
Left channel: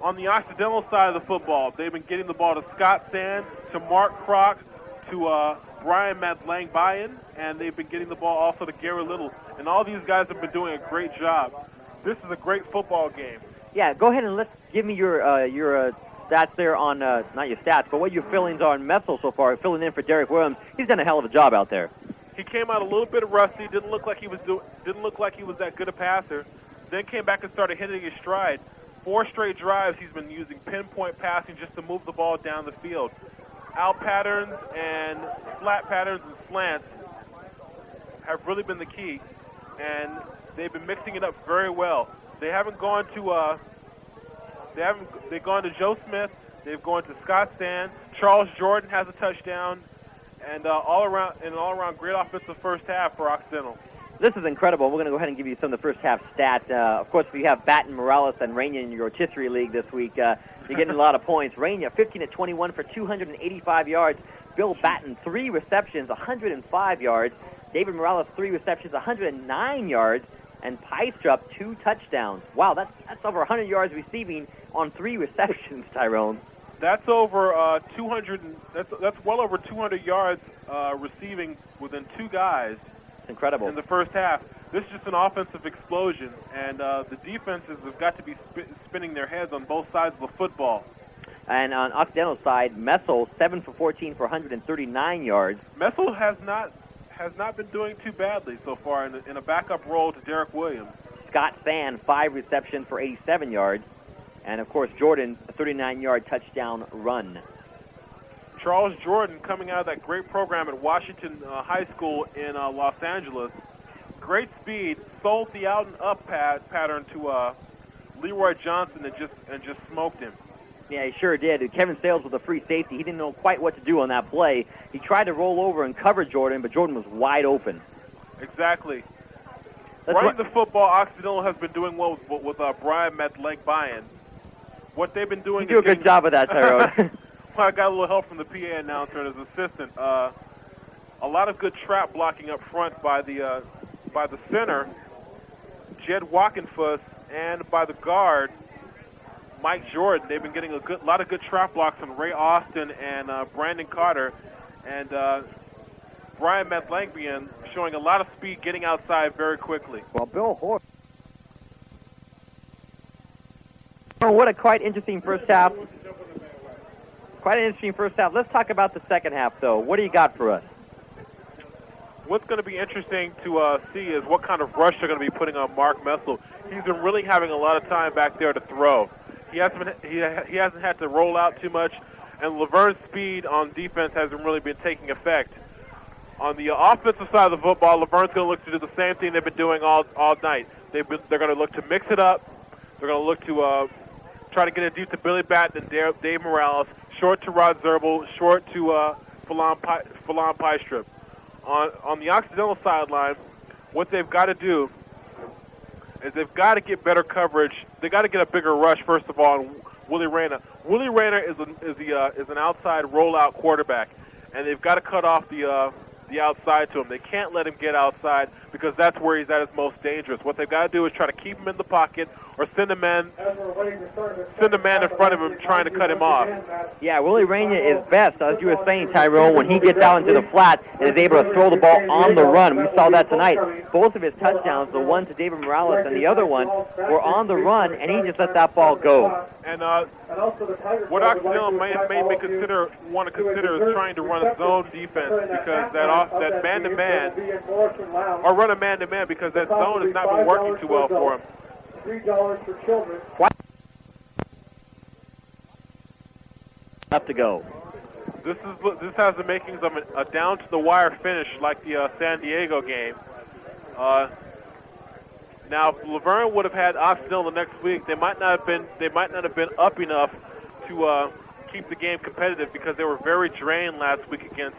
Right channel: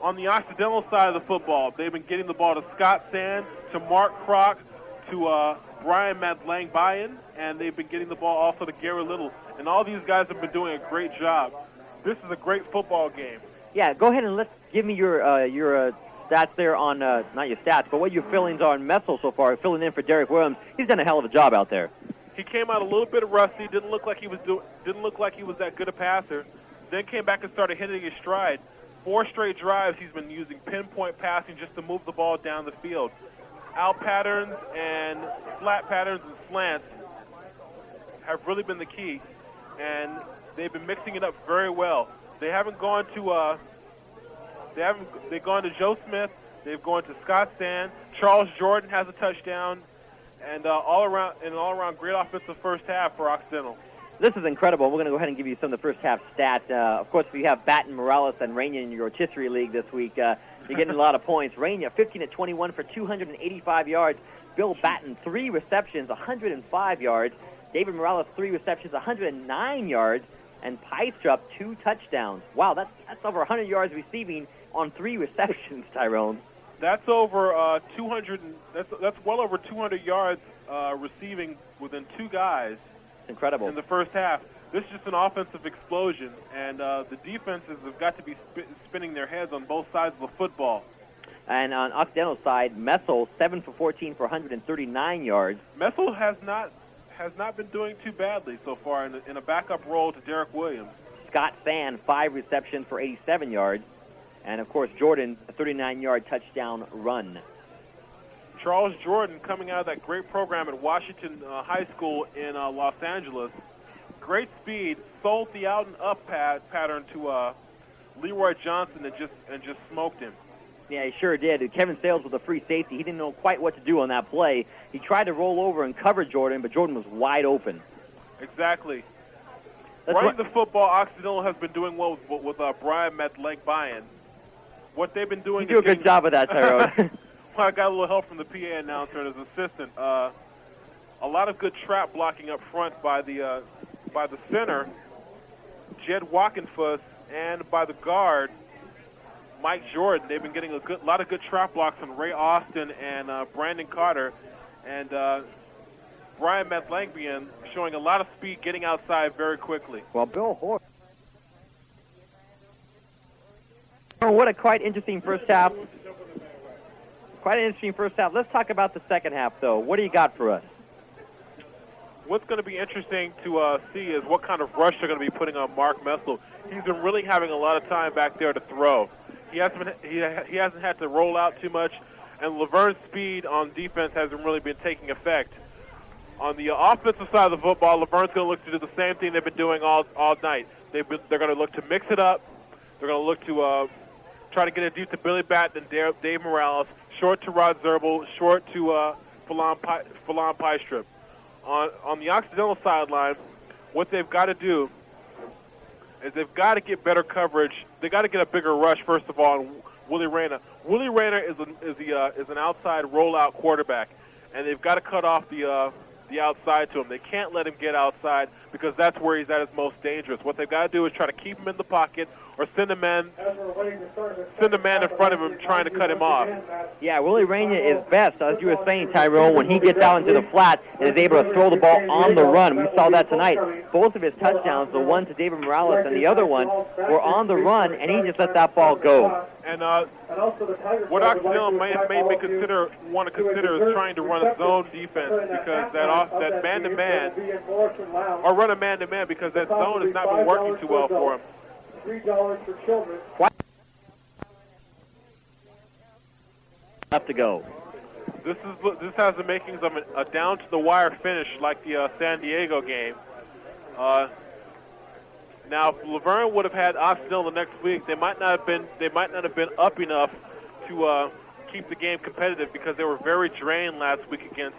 On the Occidental side of the football, they've been getting the ball to Scott Sand, to Mark Kroc, to Brian Madlang-Bayan, and they've been getting the ball also to Gary Little. And all these guys have been doing a great job. This is a great football game. Yeah, go ahead and give me your stats there on, not your stats, but what your feelings are on Messel so far, filling in for Derek Williams. He's done a hell of a job out there. He came out a little bit rusty, didn't look like he was that good a passer, then came back and started hitting his stride. 4 straight drives he's been using pinpoint passing just to move the ball down the field. Out patterns and flat patterns and slants have really been the key, and they've been mixing it up very well. They haven't gone to they've gone to Joe Smith, they've gone to Scott Sand, Charles Jordan has a touchdown, and all around great offensive first half for Occidental. This is incredible. We're going to go ahead and give you some of the first half stats. Of course, we have Batten, Morales, and Raina in your rotisserie league this week. You're getting a lot of points. Raina, 15-21 for 285 yards. Bill Batten, 3 receptions, 105 yards. David Morales, 3 receptions, 109 yards. And Pystrup, 2 touchdowns. Wow, that's over 100 yards receiving on 3 receptions, Tyrone. That's over 200. That's well over 200 yards receiving within 2 guys. Incredible. In the first half. This is just an offensive explosion, and the defenses have got to be spinning their heads on both sides of the football. And on Occidental's side, Messel, 7 for 14 for 139 yards. Messel has not been doing too badly so far in a backup role to Derek Williams. Scott Fan, 5 receptions for 87 yards. And, of course, Jordan, a 39-yard touchdown run. Charles Jordan, coming out of that great program at Washington High School in Los Angeles. Great speed, sold the out and up pattern to Leroy Johnson and just smoked him. Yeah, he sure did. Kevin Sales with a free safety. He didn't know quite what to do on that play. He tried to roll over and cover Jordan, but Jordan was wide open. Exactly. Running the football, Occidental has been doing well with Brian Metlegbayan. What they've been doing... You do a good job of that, Tyrone. I got a little help from the PA announcer and his assistant. A lot of good trap blocking up front by the center, Jed Walkenfuss, and by the guard, Mike Jordan. They've been getting a lot of good trap blocks from Ray Austin and Brandon Carter, and Brian Metlegbayan showing a lot of speed, getting outside very quickly. Well, Bill Hoare. What a quite interesting first half. Quite an interesting first half. Let's talk about the second half, though. What do you got for us? What's going to be interesting to see is what kind of rush they're going to be putting on Mark Messel. He's been really having a lot of time back there to throw. He hasn't had to roll out too much, and LaVerne's speed on defense hasn't really been taking effect. On the offensive side of the football, LaVerne's going to look to do the same thing they've been doing all night. They're going to look to mix it up. They're going to look to try to get it deep to Billy Batten and Dave Morales, short to Rod Zerbel, short to Falon Piestrip. On the Occidental sideline, what they've got to do is they've got to get better coverage. They've got to get a bigger rush, first of all, on Willie Rayner. Willie Rayner is an outside rollout quarterback, and they've got to cut off the outside to him. They can't let him get outside because that's where he's at his most dangerous. What they've got to do is try to keep him in the pocket or send a man in front of him trying to cut him off. Yeah, Willie Rayner is best, as you were saying, Tyrone, when he gets out into the flat and is able to throw the ball on the run. We saw that tonight. Both of his touchdowns, the one to David Morales and the other one, were on the run, and he just let that ball go. And what Occidental may want to consider is trying to run a zone defense because that man-to-man, or run a man-to-man because that zone has not been working too well for him. $3 for children. Have to go. This has the makings of a down-to-the-wire finish like the San Diego game. Now, if LaVerne would have had Occidental the next week, they might not have been up enough to keep the game competitive because they were very drained last week against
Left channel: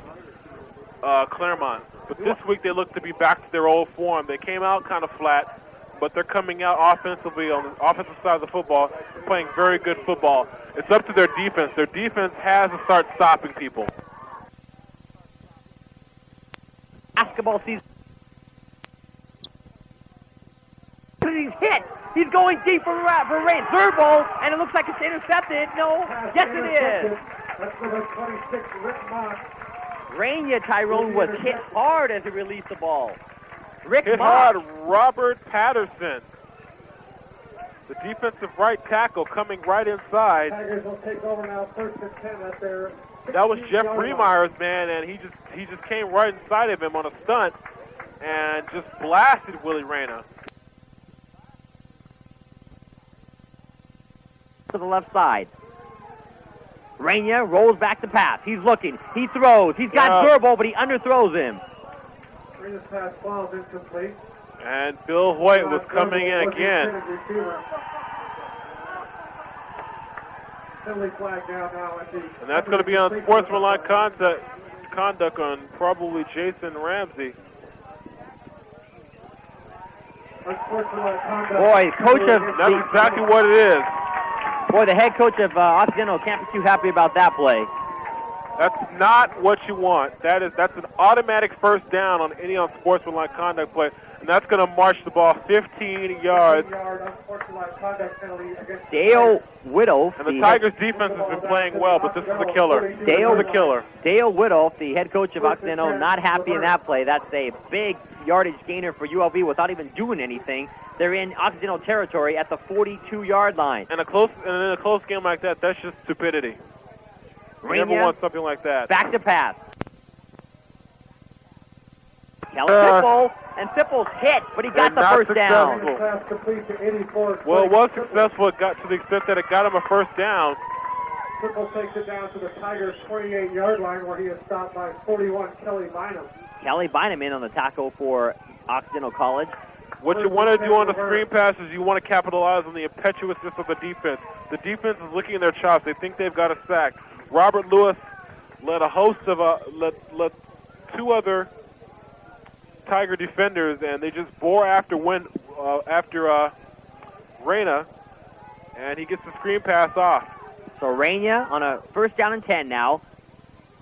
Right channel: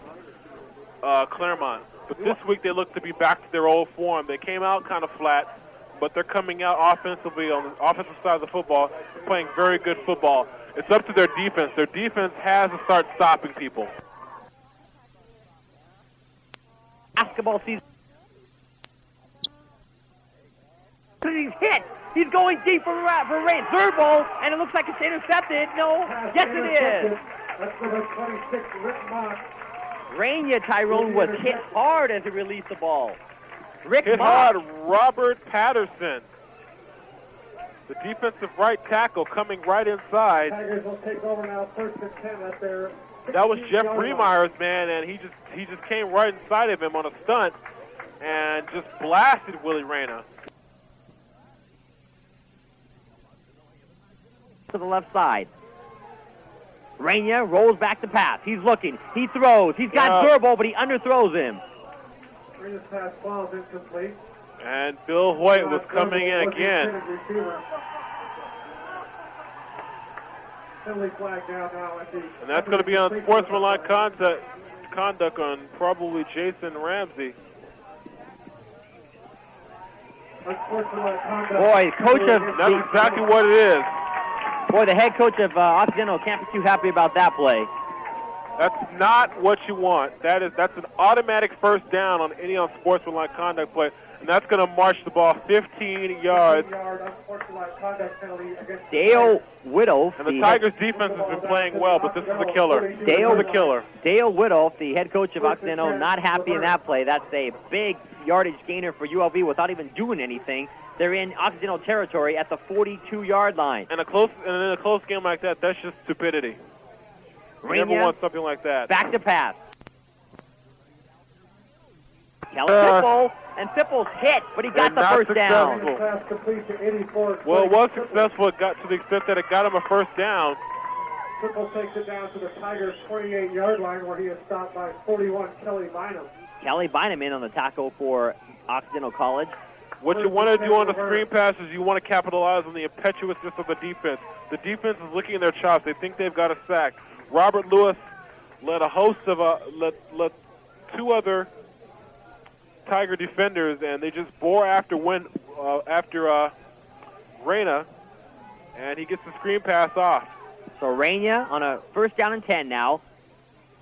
Claremont. But this week they look to be back to their old form. They came out kind of flat, but they're coming out offensively on the offensive side of the football, playing very good football. It's up to their defense. Their defense has to start stopping people. Basketball season. He's hit. He's going deep for Rain. Third ball, and it looks like it's intercepted. No. Yes, it is. That's for the 26, Rick Mott. Rania, Tyrone, was hit hard as he released the ball. Rick Hit Mott. hard, Robert Patterson. The defensive right tackle coming right inside. Tigers will take over now, first and 10 at their... That was Jeff Remeyer's man, and he just came right inside of him on a stunt and just blasted Willie Rayner. To the left side. Rania rolls back to pass. He's looking. He throws. He's got Zerbo, but he underthrows him. Rita's pass falls incomplete. And Bill Hoyt was coming in again. Penalty flag down now at the... And that's going to be on sportsmanlike conduct on probably Jason Ramsey. Boy, coach of... That's exactly what it is. Boy, the head coach of Occidental can't be too happy about that play. That's not what you want. That's an automatic first down on any unsportsmanlike conduct play, and that's going to march the ball 15 yards. Dale Whittle. And the Tigers' defense has been playing well, but this is a killer. Dale Whittle, the head coach of Occidental, not happy in that play. That's a big yardage gainer for ULV without even doing anything. They're in Occidental territory at the 42-yard line. And in a close game like that, that's just stupidity. You never want something like that. Back to pass. Sipple, and Sipple's hit, but he got the first down. Pass complete to 84. Well, it was successful. It got to the extent that it got him a first down. Triple takes it down to the Tigers' 28-yard line where he is stopped by 41 Kelly Bynum. Kelly Bynum in on the tackle for Occidental College. What you want to do on the screen pass is you want to capitalize on the impetuousness of the defense. The defense is licking their chops. They think they've got a sack. Robert Lewis led a host of led two other Tiger defenders, and they just bore after Reyna, and he gets the screen pass off. So Reyna on a first down and 10 now.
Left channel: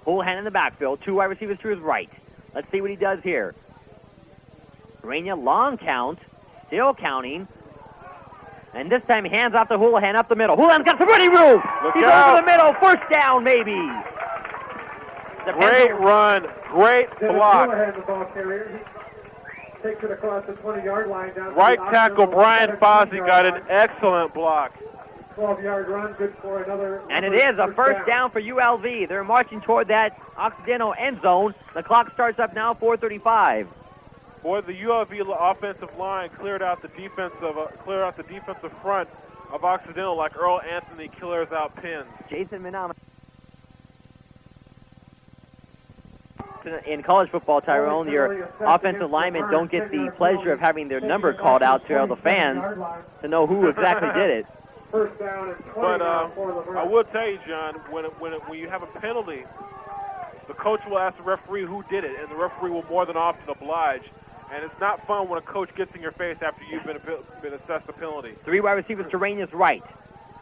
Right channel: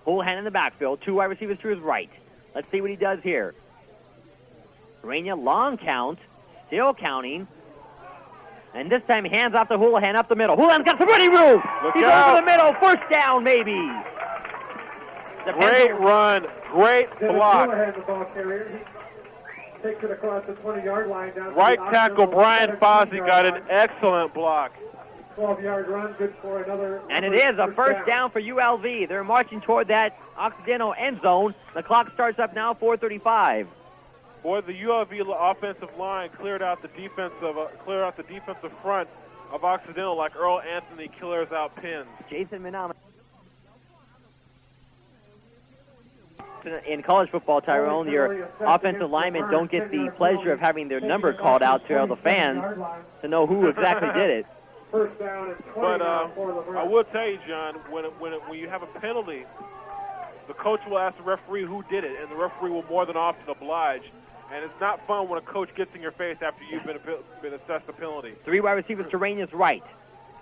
Houlihan in the backfield. Two wide receivers to his right. Let's see what he does here. Reyna, long count, still counting. And this time, hands off to Houlihan up the middle. Houlihan's got some running room. He's over the middle. First down, maybe. Great run. Great block. Houlihan, the ball carrier. He takes it across the 20-yard line. Down right tackle Brian Fozzie got an excellent block. 12-yard run, good for another. And it is a first down for ULV. They're marching toward that Occidental end zone. The clock starts up now, 4:35. Boy, the ULV offensive line cleared out the defensive front of Occidental like Earl Anthony clears out pins. Jason Minana. In college football, Tyrone, your offensive linemen don't get the pleasure of having their number called out to all the fans to know who exactly did it. First down and 20 But for LaVerne. I will tell you, John, when you have a penalty, the coach will ask the referee who did it, and the referee will more than often oblige. And it's not fun when a coach gets in your face after you've been assessed a penalty. Three wide receivers to Reyna's right.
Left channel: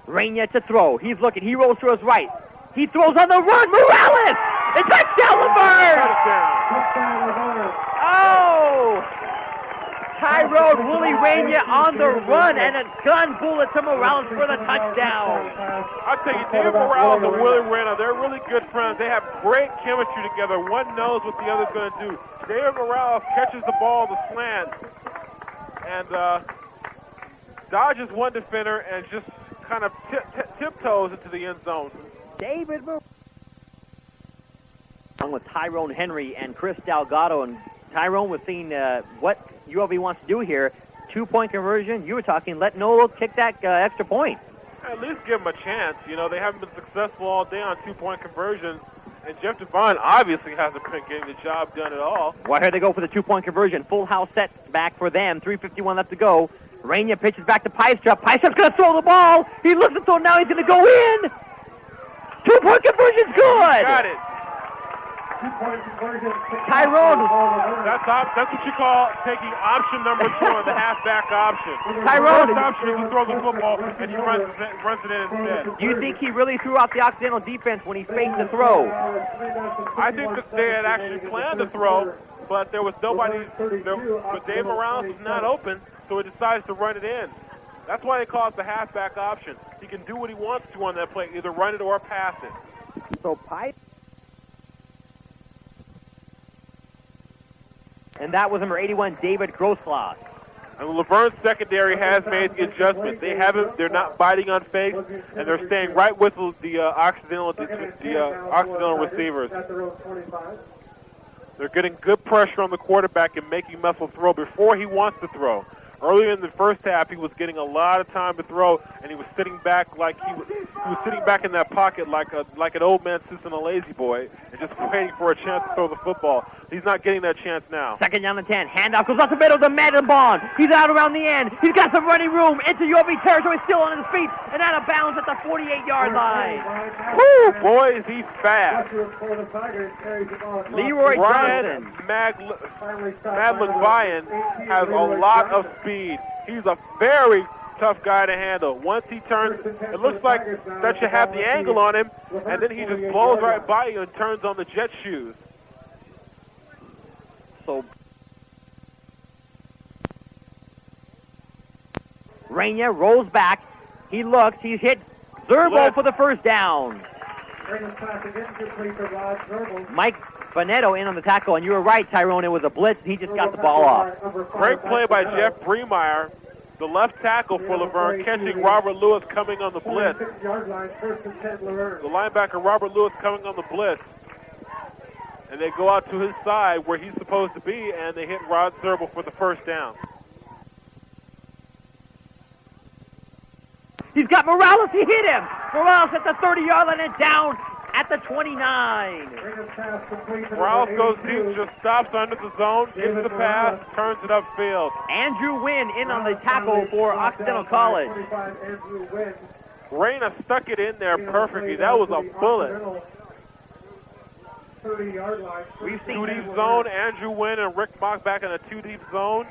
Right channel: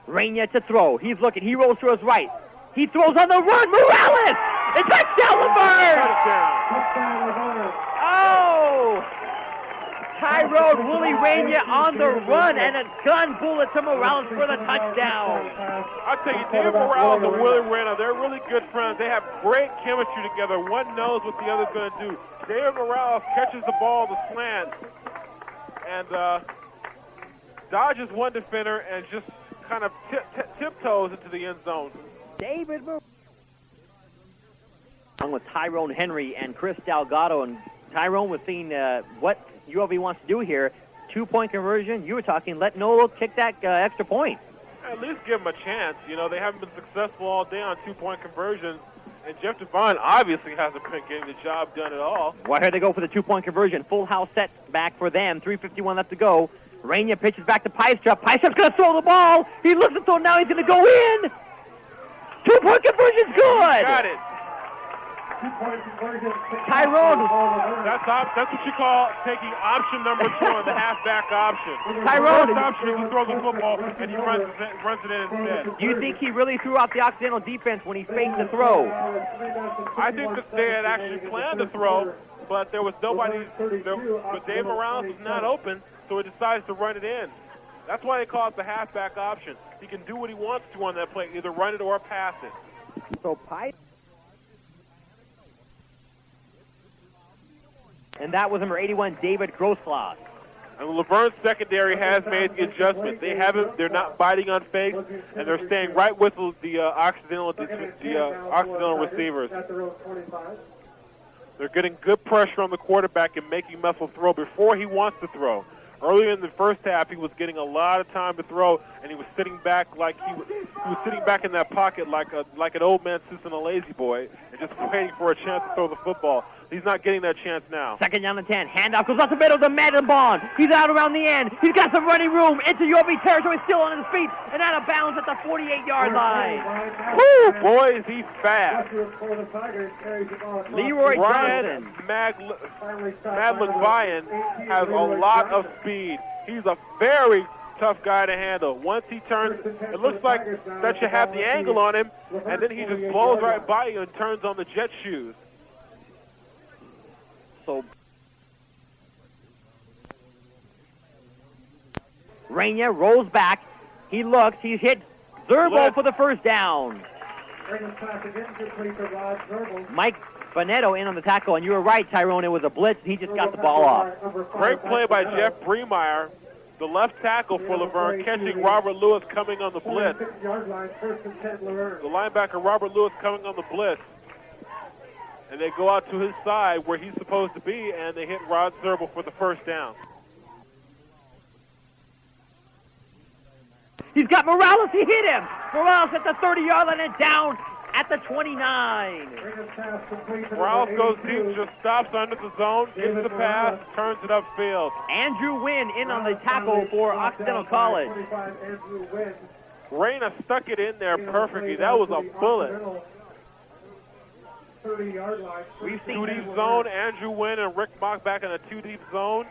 Reyna to throw. He's looking. He rolls to his right. He throws on the run. Morales! It's touchdown, LaVerne! Touchdown, LaVerne. Oh! Tyrone Wooly Reyna on the run, and a gun bullet to Morales for the touchdown. I'll tell you, David Morales and Willie Reyna, they're really good friends. They have great chemistry together. One knows what the other's going to do. David Morales catches the ball to slant and dodges one defender and just kind of tiptoes into the end zone. David Morales. Along with Tyrone Henry and Chris Delgado, and Tyrone was seeing what ULV wants to do here. 2-point conversion. You were talking, let Nolo kick that extra point. At least give them a chance. You know, they haven't been successful all day on 2-point conversions. And Jeff Devine obviously hasn't been getting the job done at all. Well, here they go for the 2-point conversion. Full house set back for them. 3:51 left to go. Reyna pitches back to Piestrup. Piestrup's going to throw the ball. He looks until now he's going to go in. 2-point conversion's good. Got it. Tyrone. That's what you call taking option number 2 on the halfback option. Tyrone. The first option is he throws the football and he runs it in instead. Do you think he really threw out the Occidental defense when he faked the throw? I think that they had actually planned to throw, but there was nobody. But Dave Morales was not open, so he decides to run it in. That's why they call it the halfback option. He can do what he wants to on that play, either run it or pass it. So Pipe. And that was number 81, David Grosslaw. And LaVerne's secondary has made the adjustment. They're not biting on fakes, and they're staying right with the Occidental receivers. They're getting good pressure on the quarterback and making Messel throw before he wants to throw. Earlier in the first half, he was getting a lot of time to throw, and he was sitting back like he was sitting back in that pocket like an old man sits in a lazy boy and just waiting for a chance to throw the football. He's not getting that chance now. Second down and 10. Handoff goes up the middle to Maddenbaugh. He's out around the end. He's got some running room into ULV territory, still on his feet, and out of bounds at the 48-yard line. Woo, boy, is he fast. Leroy Brian Johnson. Madlenvian has a lot of speed. He's a very tough guy to handle. Once he turns, it looks like that you have the angle on him, and then he just blows right by you and turns on the jet shoes. So Reyna rolls back. He looks. He's hit Zerbo for the first down. Mike Bonetto in on the tackle, and you were right, Tyrone. It was a blitz. He just got the ball off. Great play by Jeff Bremeyer, the left tackle for LaVerne, catching Robert Lewis coming on the blitz. The linebacker Robert Lewis coming on the blitz. and they go out to his side where he's supposed to be, and they hit Rod Zerbel for the first down. He's got Morales. He hit him. Morales at the 30-yard line and down at the 29. Morales goes deep, just stops under the zone, gives the pass, turns it upfield. Andrew Wynn in on the tackle for Occidental College. Reyna stuck it in there perfectly. That was a bullet. 30-yard line. We've seen 2-deep zone, Andrew Wynn and Rick Mock back in a 2-deep zone.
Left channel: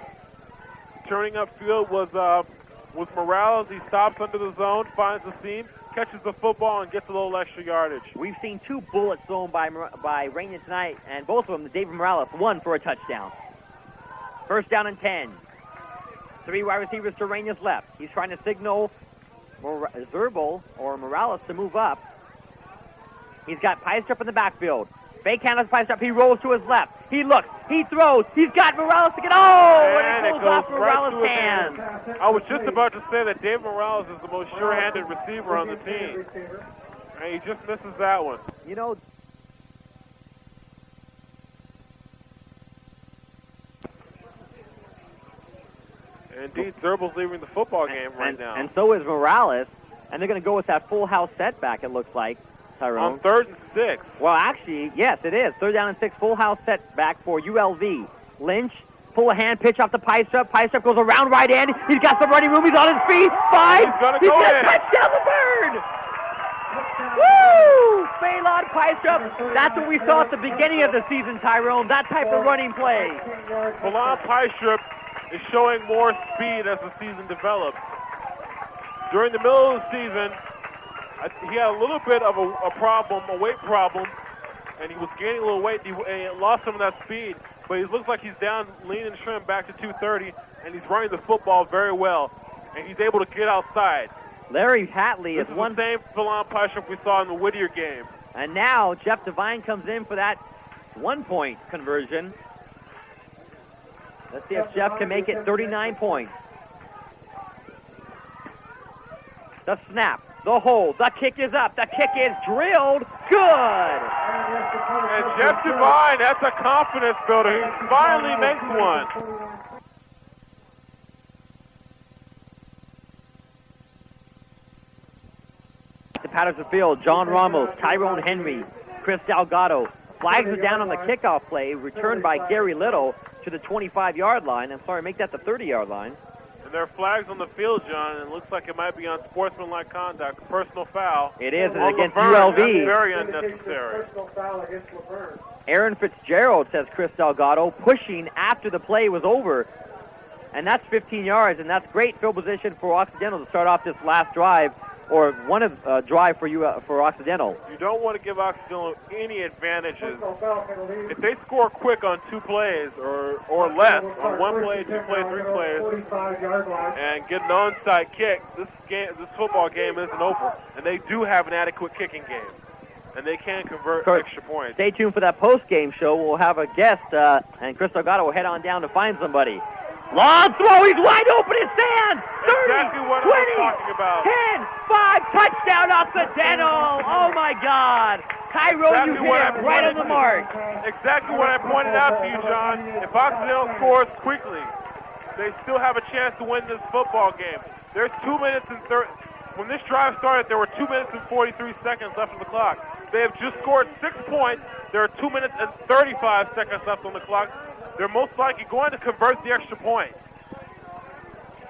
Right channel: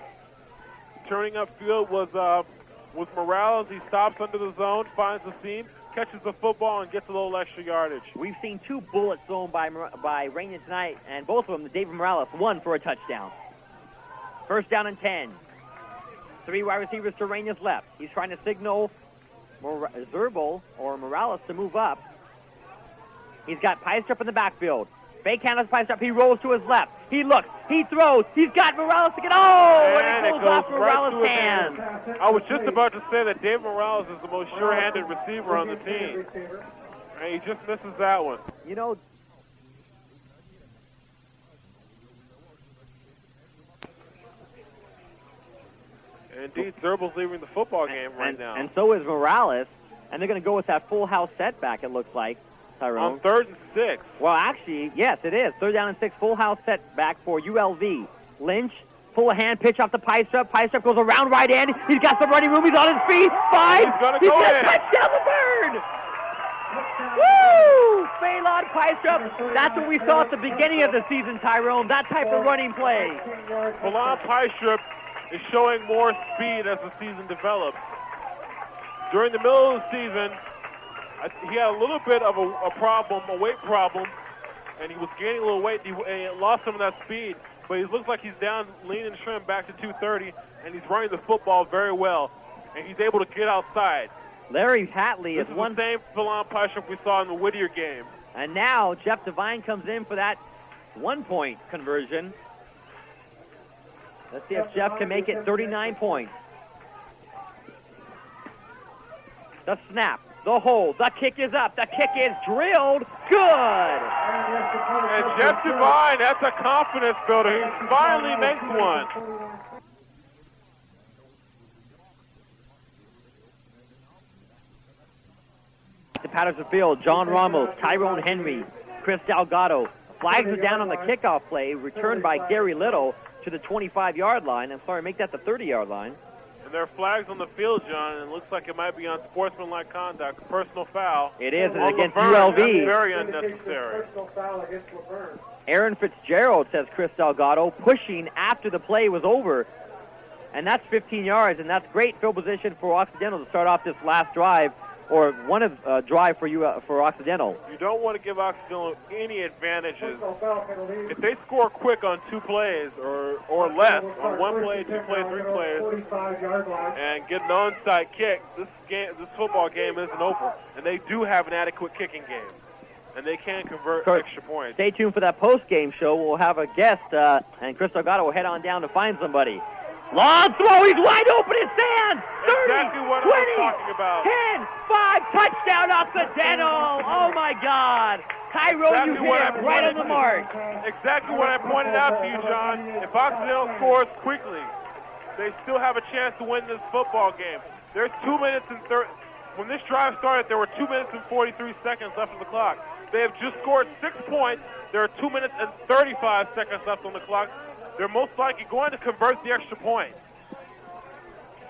Turning upfield was Morales. He stops under the zone, finds the seam, catches the football, and gets a little extra yardage. We've seen 2 bullets thrown by Reyna tonight, and both of them, David Morales, one for a touchdown. First down and 10. 3 wide receivers to Reyna's left. He's trying to signal Zerbel or Morales to move up. He's got Peistrup in the backfield. Fake hand on Peistrup. He rolls to his left. He looks. He throws. He's got Morales to get. And it goes off Morales' hand. I was just about to say that Dave Morales is the most sure-handed receiver on the team. And he just misses that one. You know, Indeed, Zerbel's leaving the football game right now. And so is Morales. And they're going to go with that full house setback, it looks like, Tyrone. On 3rd and 6. Well, actually, yes, it is. 3rd down and 6, full house setback for ULV. Lynch, full hand pitch off the Peistrup. Peistrup goes around right in. He's got some running room. He's on his feet. 5. He's going to go in. Touchdown the bird. Woo! Phelan Peistrup. That's what we saw at the beginning of the season, Tyrone. That type of running play. Phelan Peistrup is showing more speed as the season develops. During the middle of the season, he had a little bit of a problem, a weight problem, and he was gaining a little weight. He lost some of that speed, but he looks like he's down, lean and trim back to 230, and he's running the football very well, and he's able to get outside. Larry Hatley This is is one. the same Phelan Peistrup we saw in the Whittier game. And now Jeff Devine comes in for that 1-point conversion. Let's see if Jeff can make it 39 points. The snap, the hold, the kick is up, the kick is drilled. Good. And Jeff Devine, that's a confidence builder. He finally makes one. To Patterson Field, John Ramos, Tyrone Henry, Chris Delgado. Flags are down on the kickoff play, returned by Gary Little to the 25-yard line. I'm sorry, make that the 30-yard line. And there are flags on the field, John, and it looks like it might be on sportsmanlike conduct, personal foul. It is, and against LaVerne. ULV. That's very unnecessary. Aaron Fitzgerald, says Chris Delgado, pushing after the play was over. And that's 15 yards, and that's great field position for Occidental to start off this last drive, or one of drive for Occidental. You don't want to give Occidental any advantages. If they score quick on 2 plays or less, on 1 play, 2 plays, 3 plays, and get an onside kick, this football game isn't over. And they do have an adequate kicking game, and they can convert extra points. Stay tuned for that post-game show. We'll have a guest, and Chris Delgado will head on down to find somebody. Long throw, he's wide open, it's Sand! 30, Exactly what 20, I was talking about. 10, 5, touchdown Occidental! Oh my God! Tyrone, you hit it right on the mark. Exactly what I pointed out to you, John. If Occidental scores quickly, they still have a chance to win this football game. There's 2 minutes and 30. When this drive started, there were 2 minutes and 43 seconds left on the clock. They have just scored 6 points. There are 2 minutes and 35 seconds left on the clock. They're most likely going to convert the extra point.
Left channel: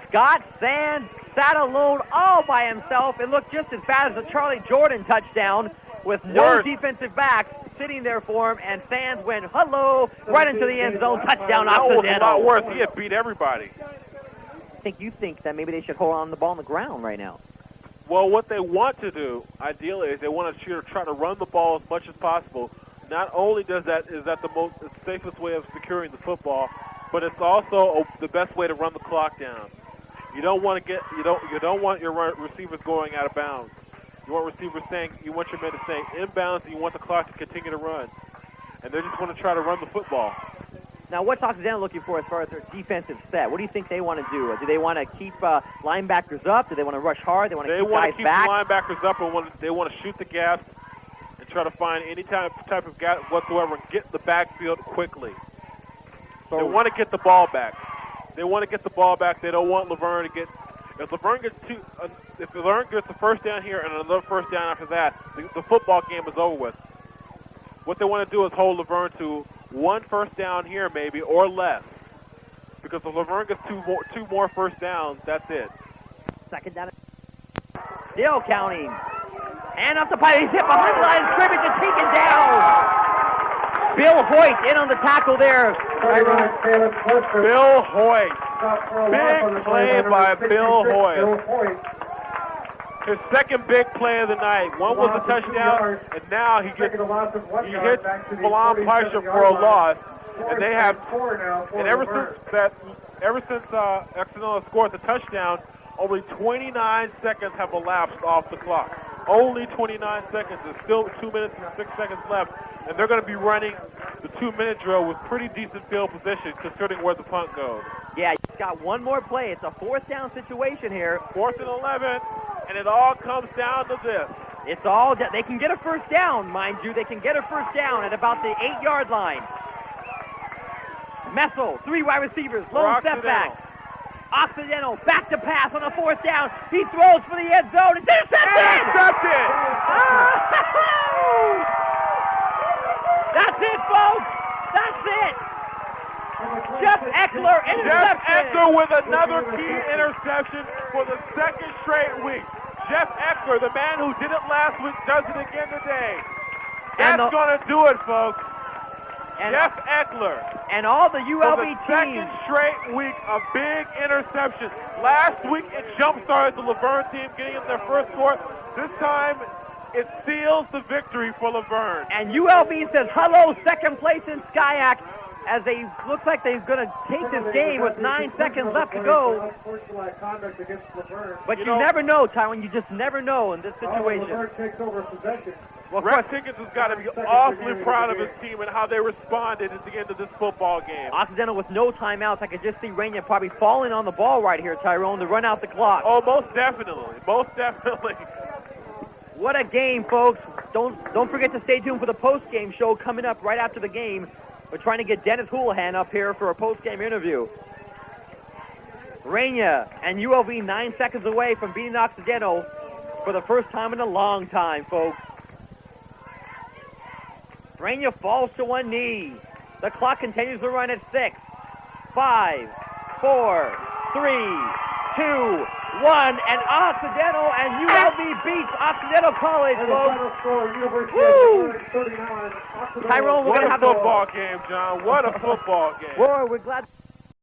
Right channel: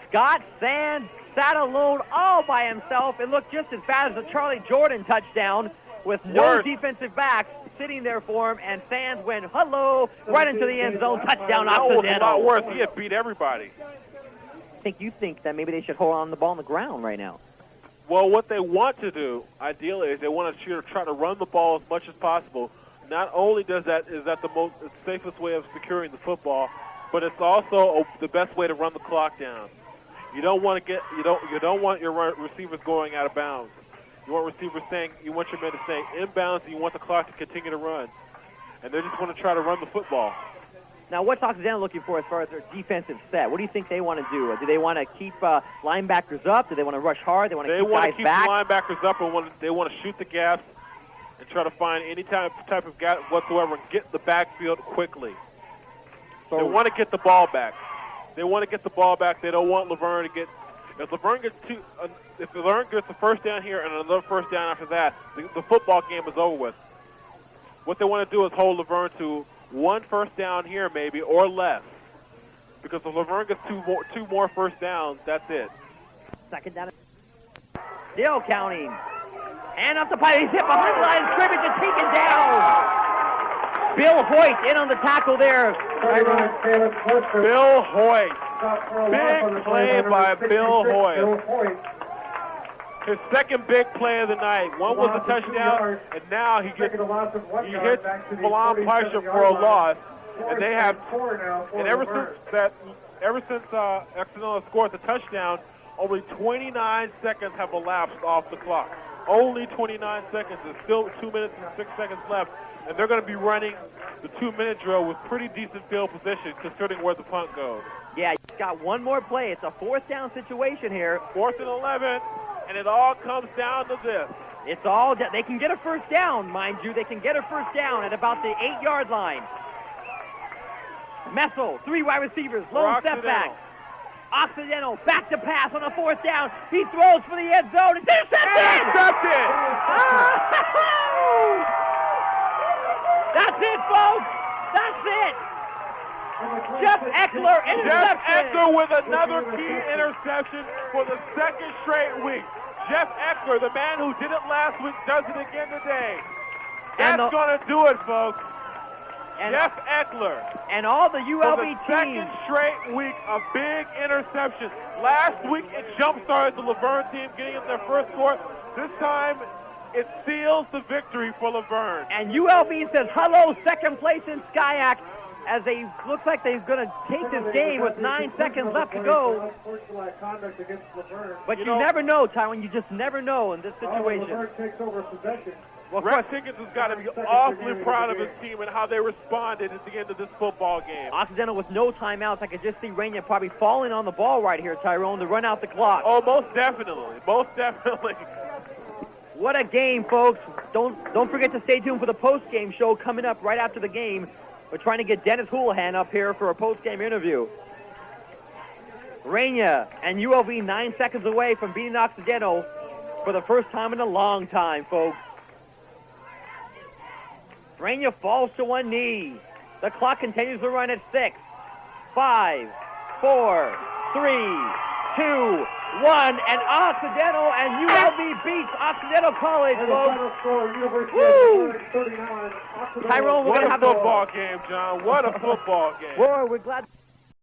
Scott Sand sat alone all by himself. It looked just as bad as the Charlie Jordan touchdown with no defensive backs sitting there for him, and Sands went, hello, right into the end zone, touchdown Occidental. That was a lot worse. He had beat everybody. You think that maybe they should hold on the ball on the ground right now? Well, what they want to do, ideally, is they want to try to run the ball as much as possible. Not only is that the safest way of securing the football, but it's also the best way to run the clock down. You don't want your receivers going out of bounds. You want you want your men to stay inbounds, and you want the clock to continue to run. And they just want to try to run the football. Now, what's Occidental looking for as far as their defensive set? What do you think they want to do? Do they want to keep linebackers up? Do they want to rush hard? They want to keep guys back? They want to keep the linebackers up, and they want to shoot the gaps and try to find any type of gap whatsoever and get the backfield quickly. They want to get the ball back. They want to get the ball back. They don't want LaVerne to get. If LaVerne gets the first down here and another first down after that, the football game is over with. What they want to do is hold LaVerne to one first down here maybe or less. Because if LaVerne gets two more first downs, that's it. Second down. Still counting. And up the pipe. He's hit behind the line of scrimmage and taken down. Bill Hoyt in on the tackle there. Bill Hoyt. Big play by Bill Hoyt. His second big play of the night. One was a touchdown, and now he hits Milan Paisha for a loss. And they have, and ever since Occidental scored the touchdown, only 29 seconds have elapsed off the clock. Only 29 seconds. There's still 2 minutes and 6 seconds left, and they're going to be running the 2-minute drill with pretty decent field position, considering where the punt goes. Yeah, you got one more play. It's a fourth down situation here. 4th and 11, and it all comes down to this. It's all they can get a first down, mind you. They can get a first down at about the 8-yard line. Messel, 3 wide receivers, lone step back. Occidental, back to pass on a 4th down. He throws for the end zone. It's intercepted! Intercepted! That's it, folks. That's it. Jeff Eckler interception. Jeff Eckler with another key interception for the second straight week. Jeff Eckler, the man who did it last week, does it again today. That's going to do it, folks. Jeff Eckler. And all the ULB for the teams. Second straight week of big interceptions. Last week it jump-started the LaVerne team getting in their first score. This time it seals the victory for LaVerne. And ULB says hello, second place in SCIAC, as they looks like they're going to take this game with 9 seconds left to go. But you never know, Tywin. You just never know in this situation. Well, Rex Higgins has got to be awfully proud of his team and how they responded at the end of this football game. Occidental with no timeouts. I could just see Rainier probably falling on the ball right here, Tyrone, to run out the clock. Oh, most definitely. Most definitely. What a game, folks. Don't forget to stay tuned for the post-game show coming up right after the game. We're trying to get Dennis Houlihan up here for a post-game interview. Rainier and ULV 9 seconds away from beating Occidental for the first time in a long time, folks. Rainier falls to one knee. The clock continues to run at 6, 5, 4, 3, 2, 1, and Occidental and ULB beats Occidental College. Woo! Tyrone, we're going to have a football game, John. What a football game. Boy, we're glad.